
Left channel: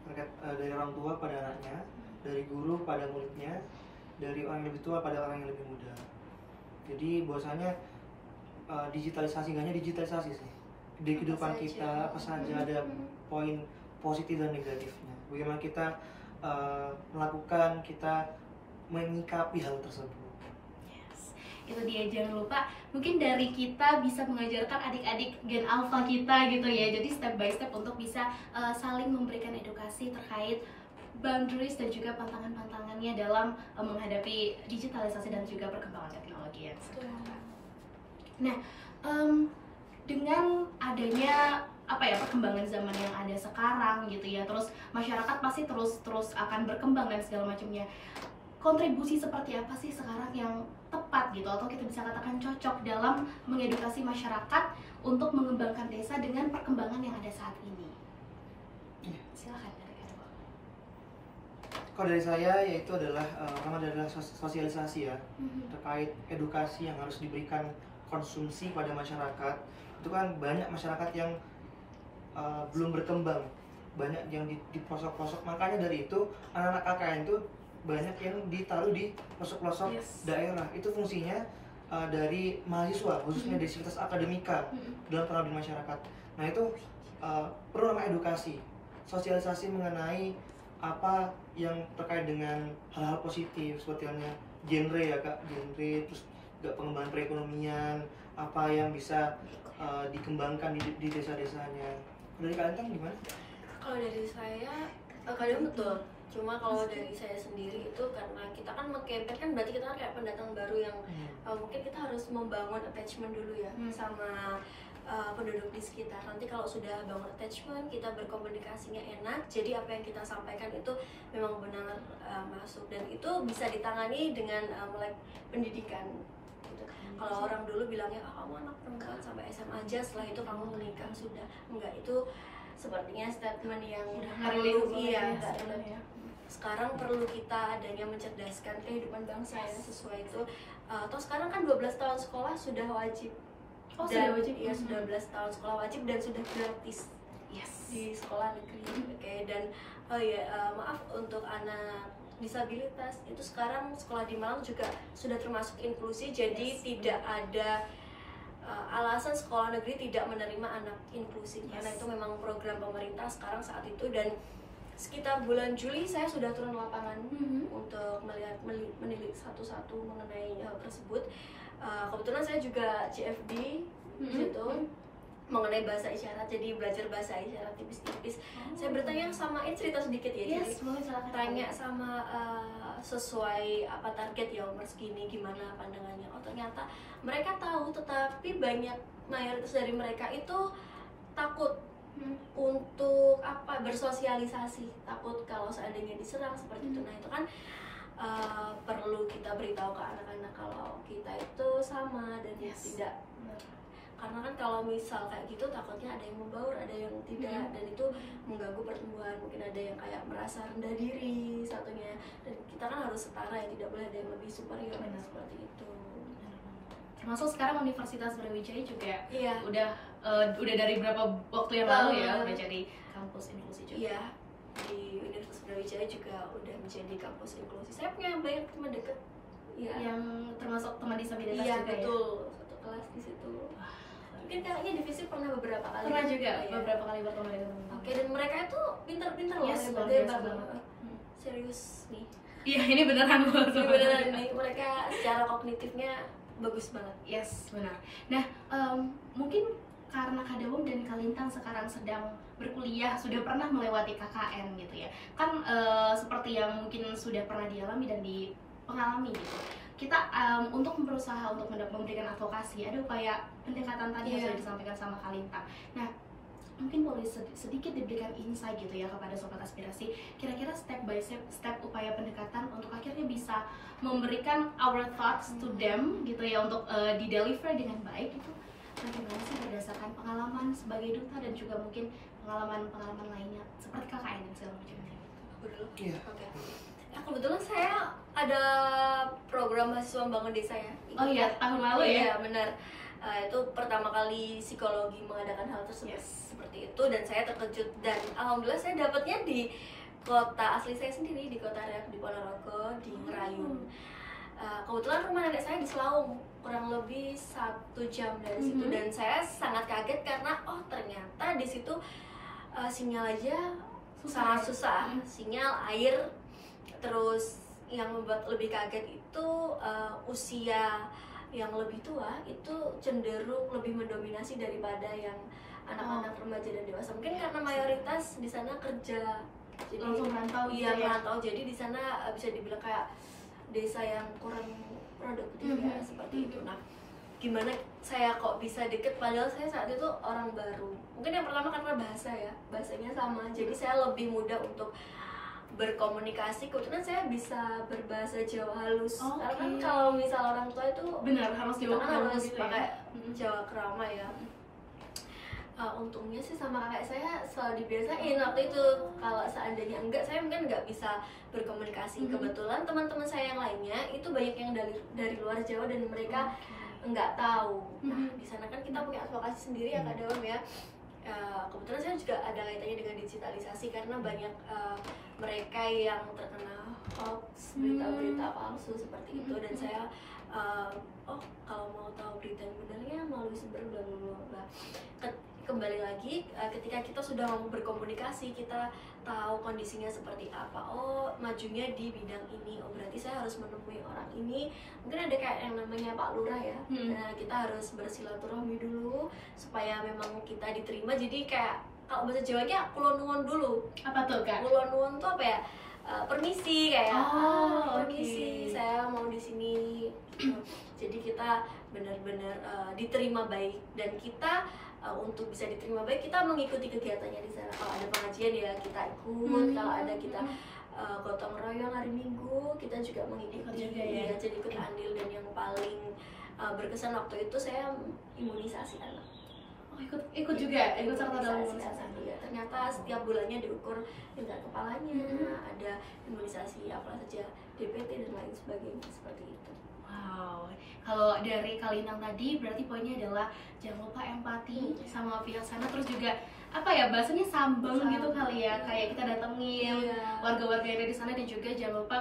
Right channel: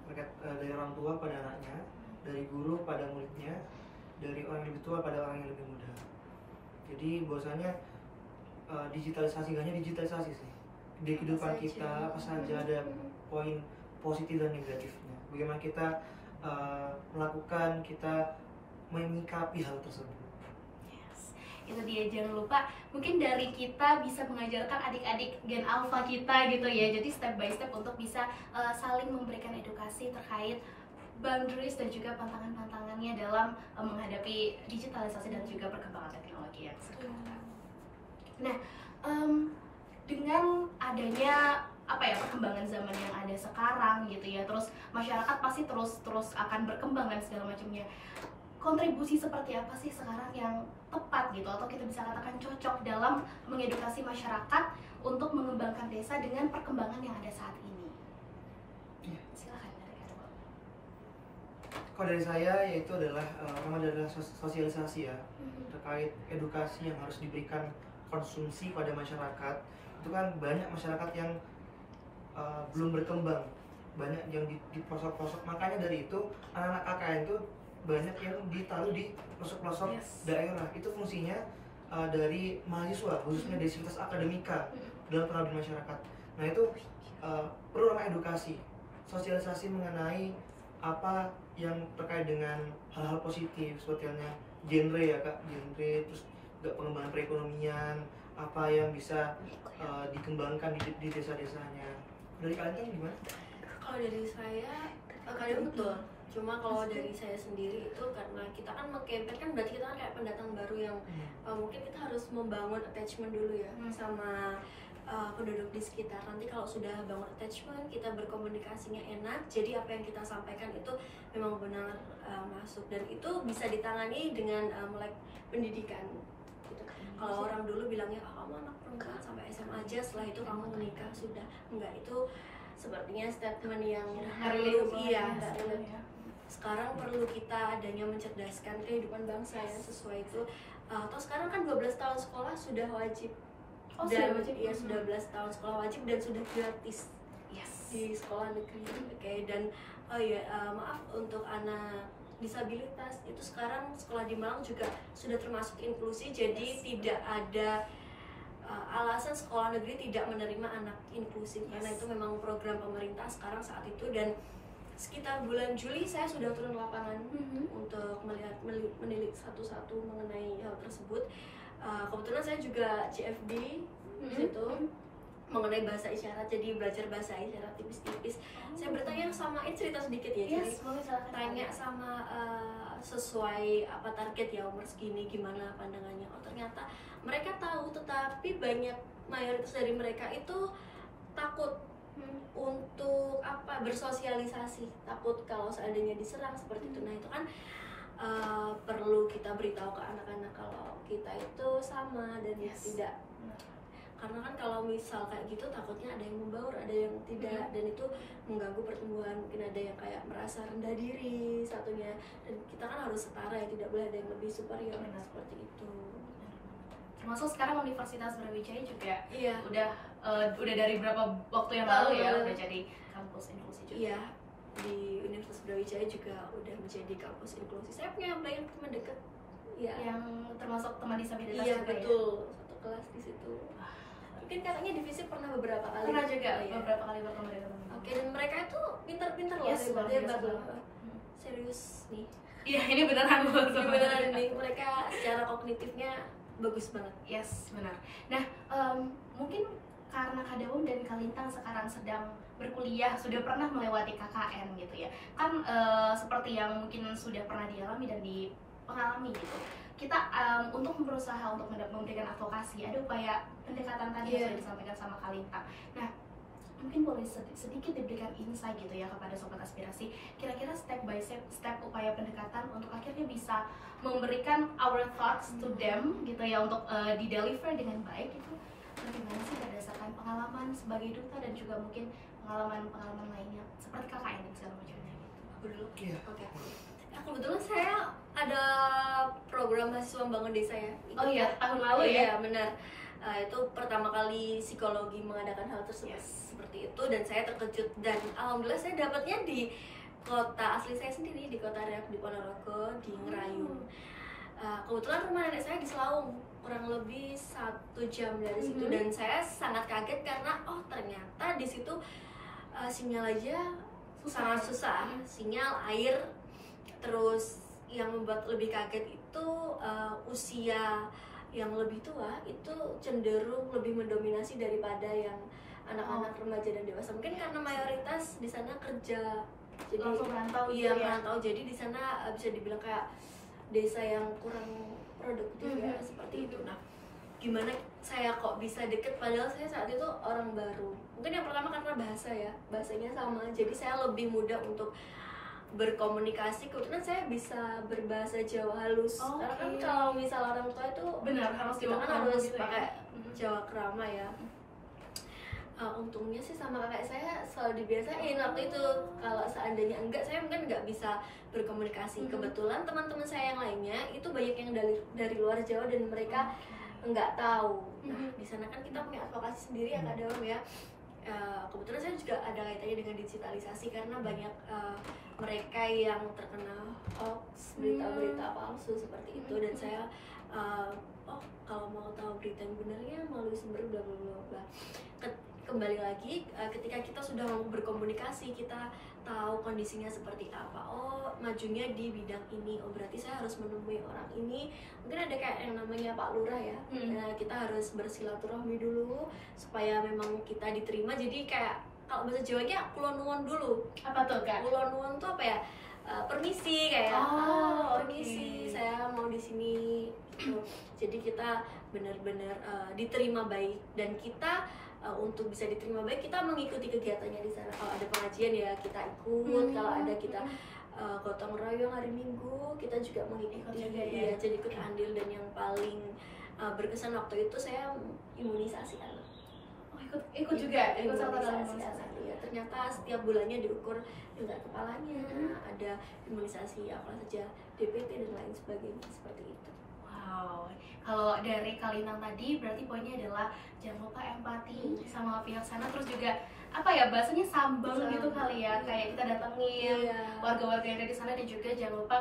terkait dari orang tua pada anaknya, dari guru pada muridnya, dari orang yang lebih tua pada orang yang lebih muda. Jadi bahwasanya digitalisasi, nggak hanya digitalisasi sih, di kehidupan saja. kita apa saja ada poin positif dan negatifnya. Bagaimana kita melakukan, kita menyikapi hal tersebut. Yes. Itu dia, jangan lupa mungkin dari kita bisa mengajarkan adik-adik gen alpha kita gitu ya. Jadi step by step untuk bisa saling memberikan edukasi terkait boundaries dan juga pantangan-pantangannya dalam menghadapi digitalisasi dan juga perkembangan teknologi yang sekarang. Nah, dengan adanya perkembangan zaman yang ada sekarang gitu ya, terus masyarakat pasti terus akan berkembang dan segala macamnya. Kontribusi seperti apa sih sekarang yang tepat gitu, atau kita bisa katakan cocok dalam mengedukasi masyarakat untuk mengembangkan desa dengan perkembangan yang ada saat ini? Silakan dari Kadewam. Kalau dari saya yaitu adalah pertama adalah sosialisasi ya, terkait edukasi yang harus diberikan konsumsi pada masyarakat. Itu kan banyak masyarakat yang belum berkembang, banyak yang di pelosok-pelosok. Makanya dari itu anak-anak KKN itu banyak yang ditaruh di pelosok-pelosok daerah. Itu fungsinya dari mahasiswa, khususnya dari sivitas akademika dalam pengabdian masyarakat. Nah itu perlu namanya edukasi, sosialisasi mengenai apa yang terkait dengan hal-hal positif seperti halnya genre ya kak, genre, terus juga pengembangan perekonomian, apa yang bisa dikembangkan di desa-desanya. Dari kalian kan gimana? Kalau dari saya kadang betul. Cuma kalau dari saya sendiri itu karena kita kan mengkampen kan berarti kita kan kayak pendatang baru yang mungkin kita harus membangun attachment dulu ya sama penduduk di sekitar. Nanti kalau sudah bangun attachment, kita berkomunikasinya enak, jadi apa yang kita sampaikan itu memang benar masuk, dan itu bisa ditangani dengan melek pendidikan gitu. Kalau orang dulu bilangnya kamu anak perempuan sampai SMA aja, setelah itu kamu menikah sudah. Enggak, itu sepertinya statement yang perlu nggak relate. Sekarang perlu kita adanya mencerdaskan kehidupan bangsa ya, sesuai itu. Atau sekarang kan 12 tahun sekolah sudah wajib. Dan sudah wajib ya, sudah 12 tahun sekolah wajib dan sudah gratis di sekolah negeri. Oke, dan maaf untuk anak disabilitas itu sekarang sekolah di Malang juga sudah termasuk inklusi, jadi tidak ada alasan sekolah negeri tidak menerima anak inklusif karena itu memang program pemerintah sekarang saat itu. Dan sekitar bulan Juli saya sudah turun lapangan untuk melihat menilik satu-satu mengenai hal tersebut. Kebetulan saya juga CFD di situ mengenai bahasa isyarat, jadi belajar bahasa isyarat tipis-tipis. Saya bertanya sama cerita sedikit ya, jadi tanya sama sesuai apa target ya, umur segini gimana pandangannya. Oh ternyata mereka tahu, tetapi mayoritas dari mereka itu takut untuk bersosialisasi, takut kalau seandainya diserang seperti itu. Nah itu kan perlu kita beritahu ke anak-anak kalau kita itu sama dan tidak, karena kan kalau misal kayak gitu takutnya ada yang membaur, ada yang tidak, dan itu mengganggu pertumbuhan. Mungkin ada yang kayak merasa rendah diri satunya, dan kita kan harus setara ya, tidak boleh ada yang lebih superior seperti itu. Termasuk sekarang Universitas Brawijaya juga udah dari berapa waktu yang lalu ya udah jadi kampus inklusi juga. Iya, di Universitas Brawijaya juga udah menjadi kampus inklusi. Saya punya banyak teman dekat yang termasuk teman disabilitas juga. Iya betul, satu kelas di situ. Mungkin katanya divisi pernah beberapa kali. Pernah juga beberapa kali bertemu dengan teman. Oke, dan mereka itu pintar-pintar loh, hebat loh. Serius nih. Iya, ini beneran loh. Ini beneran nih, mereka secara kognitifnya bagus banget. Yes, benar. Nah, mungkin karena Kadewam dan Kalintang sekarang sedang berkuliah, sudah pernah melewati KKN gitu ya. Kan seperti yang mungkin sudah pernah dialami dan dipengalamin gitu. Kita untuk berusaha untuk memberikan advokasi, ada upaya pendekatan tadi yang sudah disampaikan sama Kalintang. Nah, mungkin boleh sedikit diberikan insight gitu ya kepada Sobat Aspirasi, kira-kira step by step upaya pendekatan untuk akhirnya bisa memberikan our thoughts to them gitu ya, untuk di-deliver dengan baik gitu. Bagaimana sih berdasarkan pengalaman sebagai duta dan juga mungkin pengalaman lainnya seperti KKN dan segala macamnya gitu. Aku dulu. Iya. Oke. Nah, kebetulan saya ada program mahasiswa membangun desa ya. Oh iya, tahun lalu ya? Iya, benar. Itu pertama kali psikologi mengadakan hal tersebut seperti itu, dan saya terkejut, dan alhamdulillah saya dapatnya di kota asli saya sendiri, di kota Riau, di Ponorogo, di Ngerayun. Kebetulan rumah nenek saya di Selaung, kurang lebih 1 jam dari situ, dan saya sangat kaget karena ternyata di situ sinyal aja sangat susah, sinyal, air. Terus yang membuat lebih kaget itu usia yang lebih tua itu cenderung lebih mendominasi daripada yang anak-anak remaja dan dewasa. Mungkin karena mayoritas di sana kerja, jadi langsung merantau. Iya, merantau. Jadi di sana bisa dibilang kayak desa yang kurang produktif ya, seperti itu. Nah, gimana saya kok bisa deket padahal saya saat itu orang baru? Mungkin yang pertama karena bahasa ya, bahasanya sama, jadi saya lebih mudah untuk berkomunikasi. Kebetulan saya bisa berbahasa Jawa halus. Karena kan kalau misal orang tua itu benar harus kita kan harus gitu pakai Jawa Krama ya. Untungnya sih sama kakak saya selalu dibiasain waktu itu. Kalau seandainya enggak, saya mungkin nggak bisa berkomunikasi. Kebetulan teman-teman saya yang lainnya itu banyak yang dari luar Jawa dan mereka nggak tahu. Nah, di sana kan kita punya advokasi sendiri ya Kak Dewam ya. Kebetulan saya juga ada kaitannya dengan digitalisasi karena banyak mereka yang terkena hoax, berita-berita palsu seperti itu, dan saya kalau mau tahu berita yang benarnya melalui sumber bla bla bla. Kembali lagi, ketika kita sudah mau berkomunikasi, kita tahu kondisinya seperti apa. Majunya di bidang ini, berarti saya harus menemui orang ini. Mungkin ada kayak yang namanya Pak Lurah ya. Nah, kita harus bersilaturahmi dulu supaya memang kita diterima. Jadi kayak kalau bahasa Jawanya kulon nuwun dulu. Apa tuh Kak? Kulon nuwun tuh apa ya? Permisi kayak permisi, saya mau di sini gitu. Jadi kita benar-benar diterima baik, dan kita untuk bisa diterima baik kita mengikuti kegiatannya di sana. Kalau ada pengajian ya kita ikut, kalau ada kita gotong royong hari Minggu kita juga mengikuti ya. Jadi ikut andil, dan yang paling berkesan waktu itu saya imunisasi anak. Ikut juga, ikut serta dalam imunisasi. Ya, ternyata setiap bulannya diukur tingkat kepalanya, ada imunisasi apa saja, DPT dan lain sebagainya seperti itu. Wow, kalau dari Kalintang tadi berarti poinnya adalah jangan lupa empati sama pihak sana, terus juga apa ya bahasanya sambung gitu kali ya, kayak kita datengin warga-warga yang ada di sana, dan juga jangan lupa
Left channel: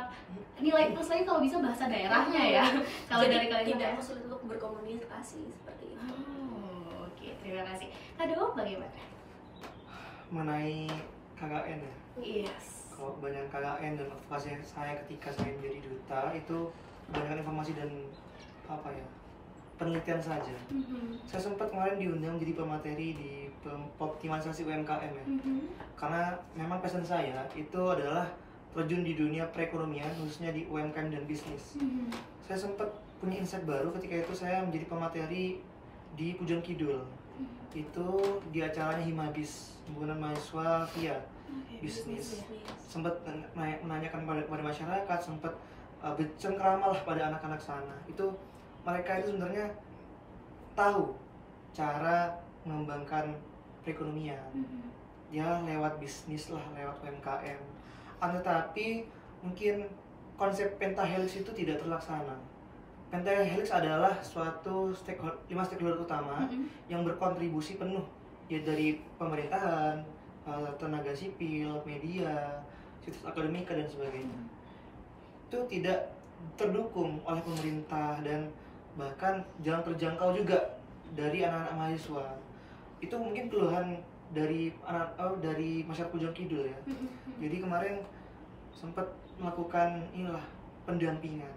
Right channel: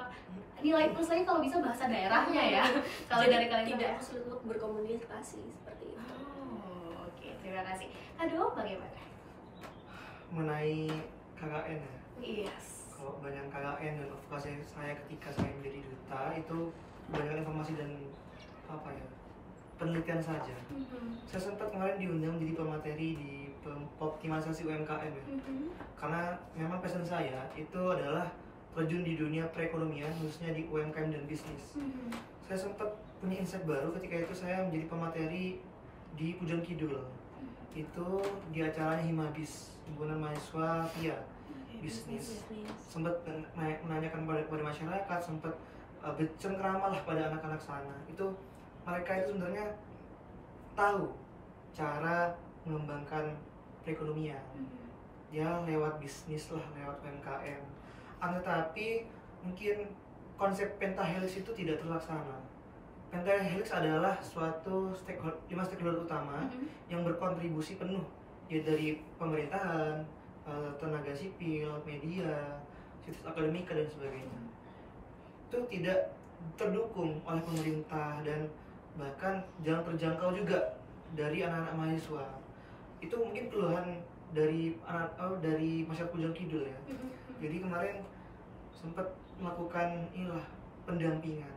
nilai plus lagi kalau bisa bahasa daerahnya ya. Kalau dari Kalintang tidak sulit untuk berkomunikasi seperti itu. Terima kasih. Kak Dewam bagaimana? Mengenai KKN ya? Yes. Kalau banyak KKN dan advokasi saya ketika saya menjadi duta itu banyak informasi dan penelitian saja. Saya sempat kemarin diundang jadi pemateri di optimalisasi UMKM ya. Karena memang passion saya itu adalah terjun di dunia perekonomian, khususnya di UMKM dan bisnis. Saya sempat punya insight baru ketika itu saya menjadi pemateri di Pujon Kidul. Itu di acaranya Himabis, himpunan mahasiswa via bisnis. Sempat menanyakan kepada masyarakat, sempat bercengkrama lah pada anak-anak sana. Itu mereka itu sebenarnya tahu cara mengembangkan perekonomian ya lewat bisnis lah, lewat UMKM. Tetapi mungkin konsep pentahelix itu tidak terlaksana. Pentahelix adalah suatu 5 stakeholder utama yang berkontribusi penuh ya, dari pemerintahan, tenaga sipil, media, situs akademika dan sebagainya. Itu tidak terdukung oleh pemerintah dan bahkan jarang terjangkau juga dari anak-anak mahasiswa. Itu mungkin keluhan dari dari masyarakat Pujon Kidul ya. Jadi kemarin sempat melakukan pendampingan.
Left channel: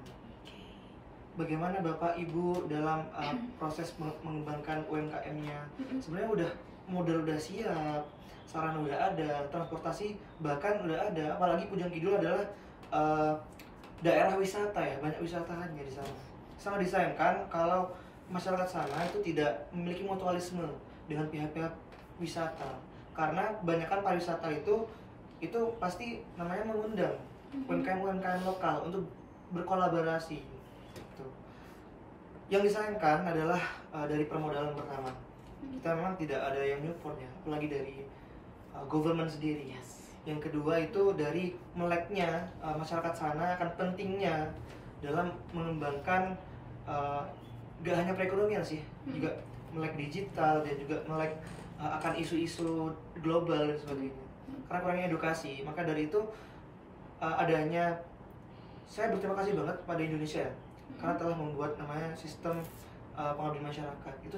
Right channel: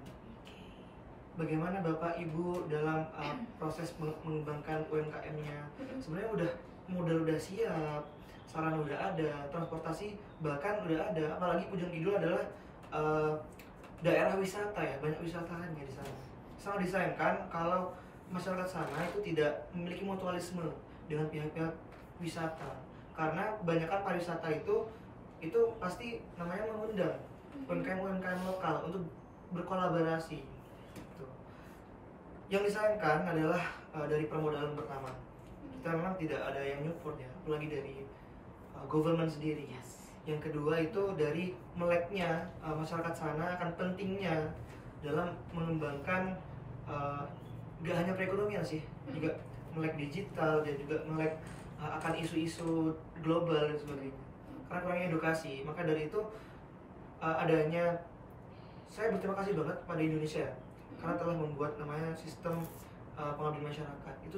Bagaimana Bapak Ibu dalam proses mengembangkan UMKM-nya? Sebenarnya modal udah siap, sarana udah ada, transportasi bahkan udah ada. Apalagi Pujon Kidul adalah daerah wisata ya, banyak wisatawannya di sana. Sangat disayangkan kalau masyarakat sana itu tidak memiliki mutualisme dengan pihak-pihak wisata. Karena kebanyakan pariwisata itu pasti namanya mengundang UMKM lokal untuk berkolaborasi. Yang disayangkan adalah dari permodalan pertama. Kita memang tidak ada yang nyupport ya, apalagi dari government sendiri. Yang kedua itu dari meleknya masyarakat sana akan pentingnya dalam mengembangkan gak hanya perekonomian sih, juga melek digital dan juga melek akan isu-isu global dan sebagainya. Karena kurangnya edukasi, maka dari itu adanya, saya berterima kasih banget kepada Indonesia ya, karena telah membuat namanya sistem pengabdian masyarakat. Itu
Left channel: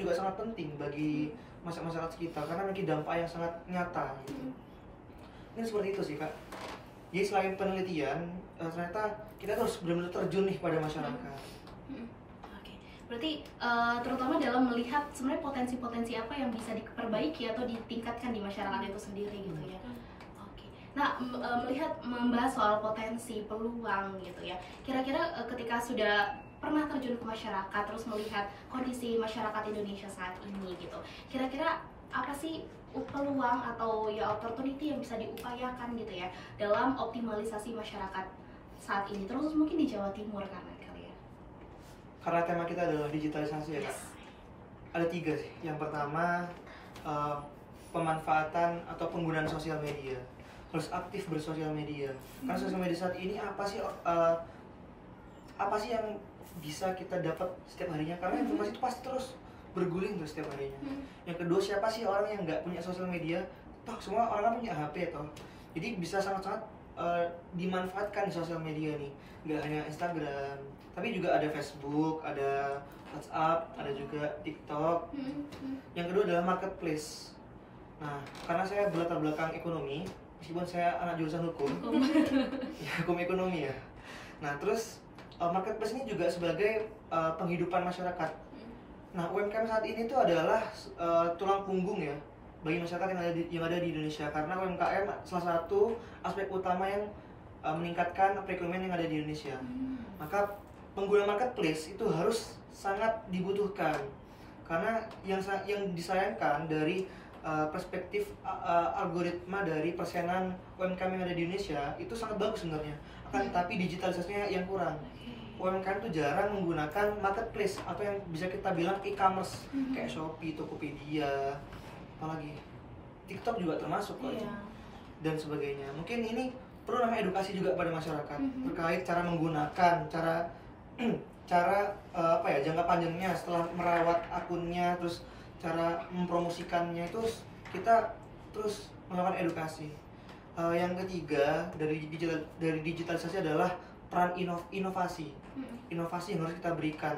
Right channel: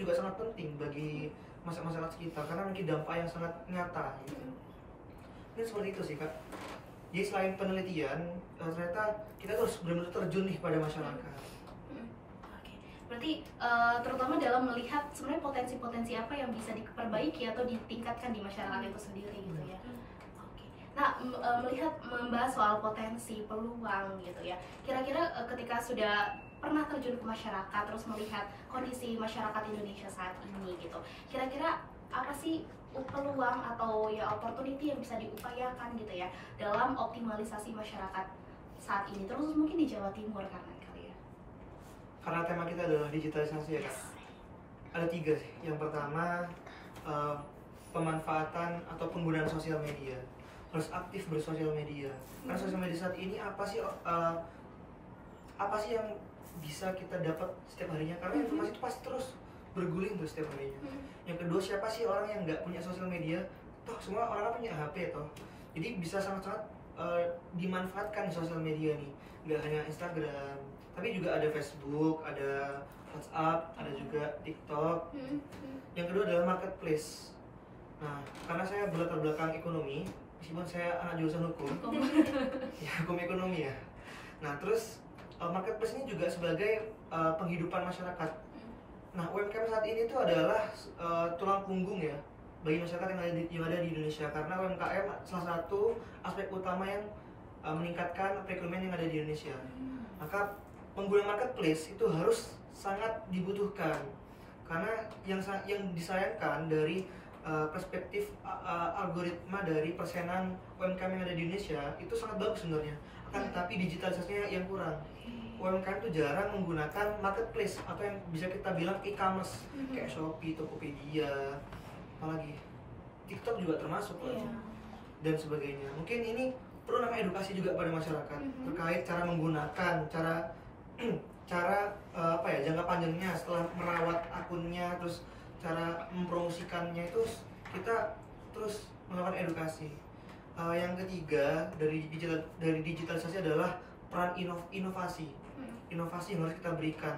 juga sangat penting bagi masyarakat sekitar karena memiliki dampak yang sangat nyata gitu. Ini seperti itu sih Kak. Jadi selain penelitian, ternyata kita harus benar-benar terjun nih pada masyarakat. Oke, berarti terutama dalam melihat sebenarnya potensi-potensi apa yang bisa diperbaiki atau ditingkatkan di masyarakat itu sendiri gitu ya. Oke, nah melihat membahas soal potensi, peluang gitu ya. Kira-kira ketika sudah pernah terjun ke masyarakat, terus melihat kondisi masyarakat Indonesia saat ini gitu, kira-kira apa sih peluang atau ya opportunity yang bisa diupayakan gitu ya dalam optimalisasi masyarakat saat ini, terus mungkin di Jawa Timur kan kali ya? Karena tema kita adalah digitalisasi ya Kak. Ada 3 sih. Yang pertama pemanfaatan atau penggunaan sosial media. Harus aktif bersosial media. Karena sosial media saat ini apa sih yang bisa kita dapat setiap harinya? Karena informasi itu pasti terus berguling terus setiap harinya. Yang kedua, siapa sih orang yang nggak punya sosial media? Toh semua orang kan punya HP toh. Jadi bisa sangat-sangat dimanfaatkan sosial media nih. Nggak hanya Instagram, tapi juga ada Facebook, ada WhatsApp, ada juga TikTok. Yang kedua adalah marketplace. Nah, karena saya berlatar belakang ekonomi, meskipun saya anak jurusan hukum, ya hukum ekonomi ya. Nah, terus marketplace ini juga sebagai penghidupan masyarakat. Nah, UMKM saat ini itu adalah tulang punggung ya bagi masyarakat yang ada di Indonesia, karena UMKM salah satu aspek utama yang meningkatkan perekonomian yang ada di Indonesia. Maka pengguna marketplace itu harus sangat dibutuhkan, karena yang disayangkan dari perspektif algoritma dari persenan UMKM yang ada di Indonesia itu sangat bagus sebenarnya, akan tetapi digitalisasinya yang kurang. UMKM itu jarang menggunakan marketplace atau yang bisa kita bilang e-commerce kayak Shopee, Tokopedia, apalagi TikTok juga termasuk kok dan sebagainya. Mungkin ini perlu namanya edukasi juga pada masyarakat terkait cara menggunakan, cara jangka panjangnya setelah merawat akunnya, terus cara mempromosikannya itu kita terus melakukan edukasi. Yang ketiga dari digitalisasi adalah peran inovasi yang harus kita berikan.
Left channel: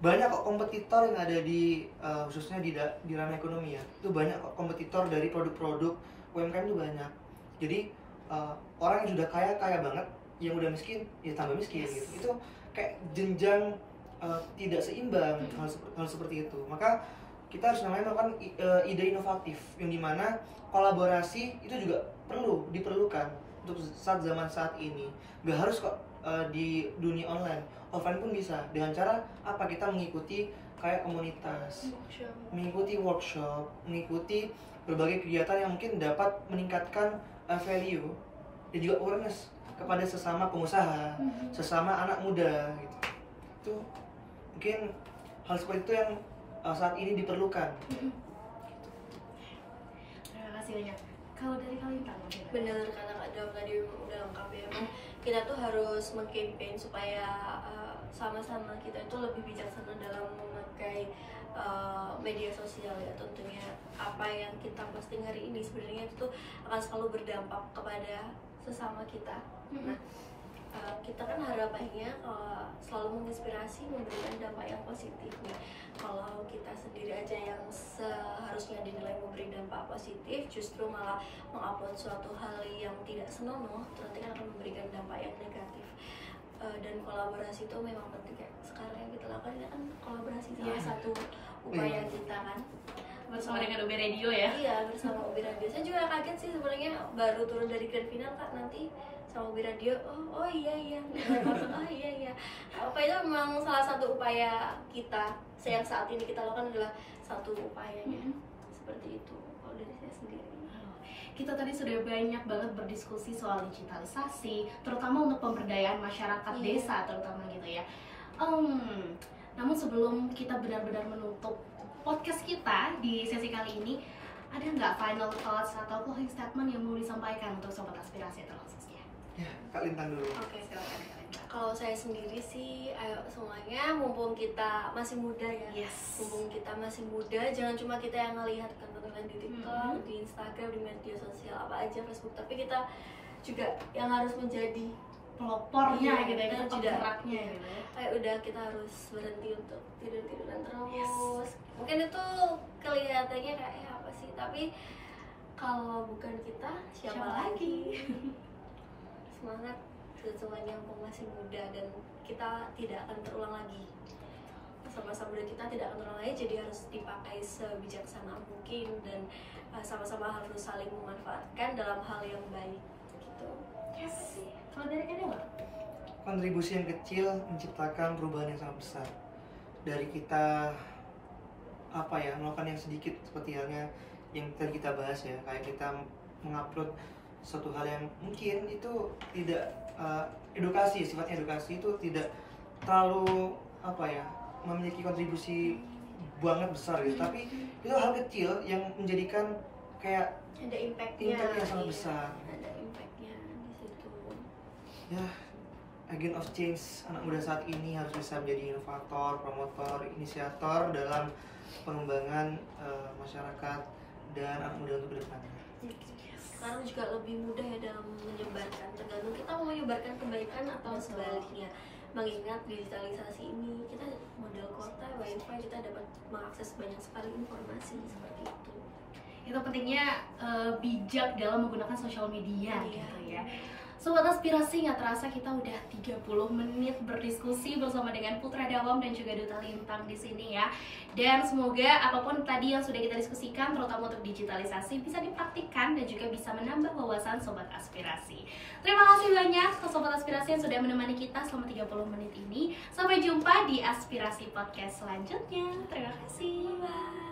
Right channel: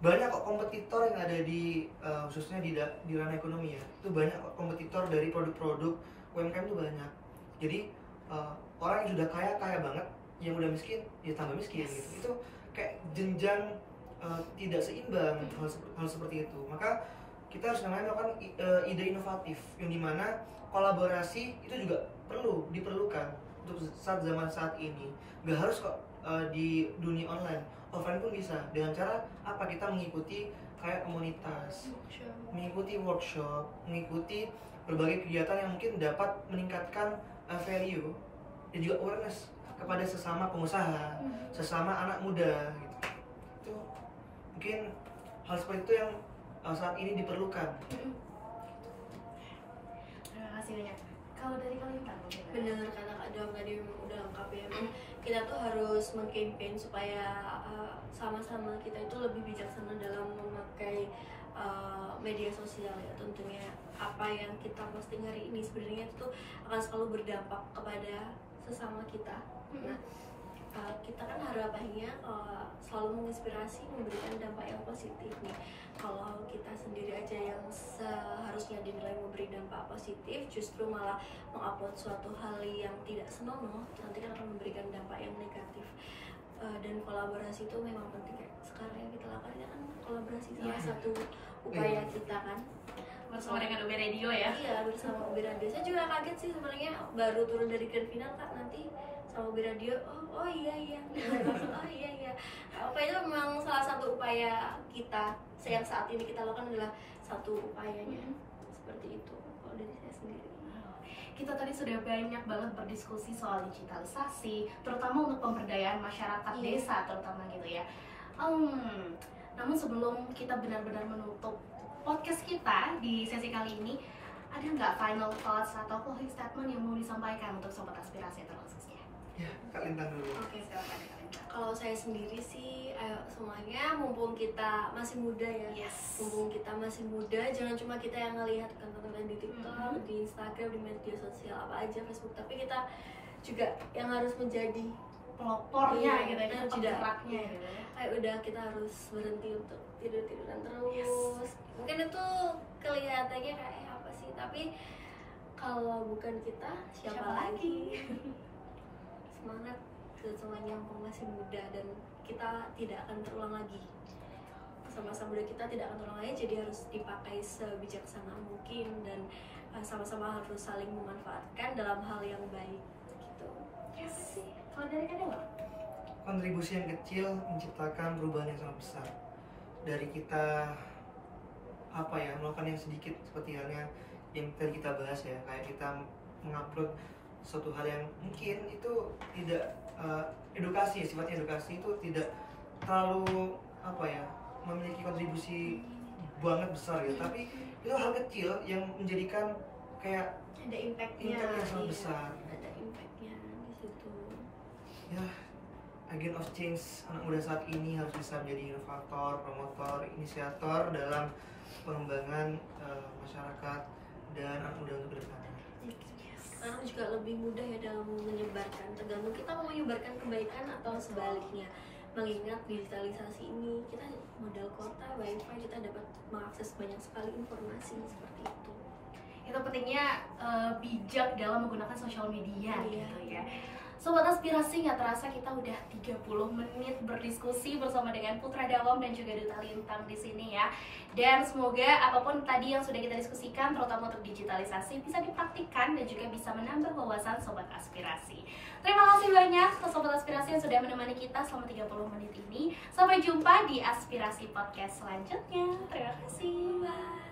Banyak kok kompetitor yang ada di khususnya di ranah ekonomi ya, itu banyak kok kompetitor dari produk-produk UMKM itu banyak. Jadi orang yang sudah kaya banget, yang udah miskin ya tambah miskin gitu. Itu kayak jenjang tidak seimbang hal seperti itu. Maka kita harus melakukan ide inovatif yang dimana kolaborasi itu juga diperlukan untuk zaman saat ini. Gak harus kok di dunia online, offline pun bisa. Dengan cara apa? Kita mengikuti kayak komunitas, mengikuti workshop, mengikuti berbagai kegiatan yang mungkin dapat meningkatkan value dan juga awareness kepada sesama pengusaha, sesama anak muda gitu. Itu mungkin hal seperti itu yang saat ini diperlukan. Terima kasih banyak. Kalau dari kalian benar kata Kak Dom tadi udah lengkap ya. Kita tuh harus meng-campaign supaya sama-sama kita itu lebih bijaksana dalam memakai media sosial ya. Tentunya apa yang kita posting hari ini sebenarnya itu akan selalu berdampak kepada sesama kita. Nah, kita kan harapannya selalu menginspirasi, memberikan dampak yang positif nih. Kalau kita sendiri aja yang seharusnya dinilai memberi dampak positif, justru malah mengupload suatu hal yang tidak senonoh, nanti kan akan memberikan dampak yang negatif. Dan kolaborasi itu memang penting ya. Sekarang yang kita lakukan ini kan kolaborasi salah satu upaya kita kan. Bersama dengan UB Radio ya? Iya, bersama UB Radio. Saya juga kaget sih sebenarnya baru turun dari grand final Kak, nanti sama UB Radio, oh iya langsung oh iya. Apa itu memang salah satu upaya kita yang saat ini kita lakukan adalah satu upayanya seperti itu kalau dari saya sendiri. Kita tadi sudah banyak banget berdiskusi soal digitalisasi, terutama untuk pemberdayaan masyarakat desa terutama gitu ya. Namun sebelum kita benar-benar menutup podcast kita di sesi kali ini, ada nggak final thoughts atau closing statement yang mau disampaikan untuk sobat aspirasi terkhususnya? Ya, Kak Lintang dulu. Oke, silakan Kak Linda. Kalau saya sendiri sih, ayo semuanya, mumpung kita masih muda ya. Yes. Mumpung kita masih muda, jangan cuma kita yang ngelihat konten di TikTok, di Instagram, di media sosial apa aja, Facebook, tapi kita juga yang harus menjadi Pelopornya Iya, gitu ya, kita kita tidak- geraknya iya. gitu ya. kayak udah kita harus berhenti untuk tidur-tiduran terus. Mungkin itu kelihatannya kayak apa sih, tapi kalau bukan kita siapa lagi? Semangat buat semuanya yang masih muda, dan kita tidak akan terulang lagi. Masa-masa muda kita tidak akan terulang lagi, jadi harus dipakai sebijaksana mungkin, dan sama-sama harus saling memanfaatkan dalam hal yang baik gitu. Apa sih? Kalau dari Kak Dewa? Kontribusi yang kecil menciptakan perubahan yang sangat besar. Dari kita melakukan yang sedikit, seperti halnya yang tadi kita bahas ya, kayak kita mengupload suatu hal yang mungkin itu tidak edukasi, sifatnya edukasi itu tidak terlalu memiliki kontribusi banget besar gitu, tapi itu hal kecil yang menjadikan kayak Ada impactnya, impact yang sangat iya. besar. Ada impactnya di situ. Ya, agent of change anak muda saat ini harus bisa menjadi inovator, promotor, inisiator dalam pengembangan masyarakat dan anak muda untuk kedepannya. Sekarang juga lebih mudah ya dalam menyebarkan, tergantung kita mau menyebarkan kebaikan atau sebaliknya. Mengingat digitalisasi ini, kita modal kota, wifi, kita dapat mengakses banyak sekali informasi seperti itu. Itu pentingnya bijak dalam menggunakan sosial media Iya. gitu ya. Sobat Aspirasi, nggak terasa kita udah 30 menit berdiskusi bersama dengan Putra Dawam dan juga Duta Lintang di sini ya. Dan semoga apapun tadi yang sudah kita diskusikan, terutama untuk digitalisasi, bisa dipraktikkan dan juga bisa menambah wawasan Sobat Aspirasi. Terima kasih banyak ke Sobat Aspirasi yang sudah menemani kita selama 30 menit ini. Sampai jumpa di Aspirasi Podcast selanjutnya. Terima kasih. Bye.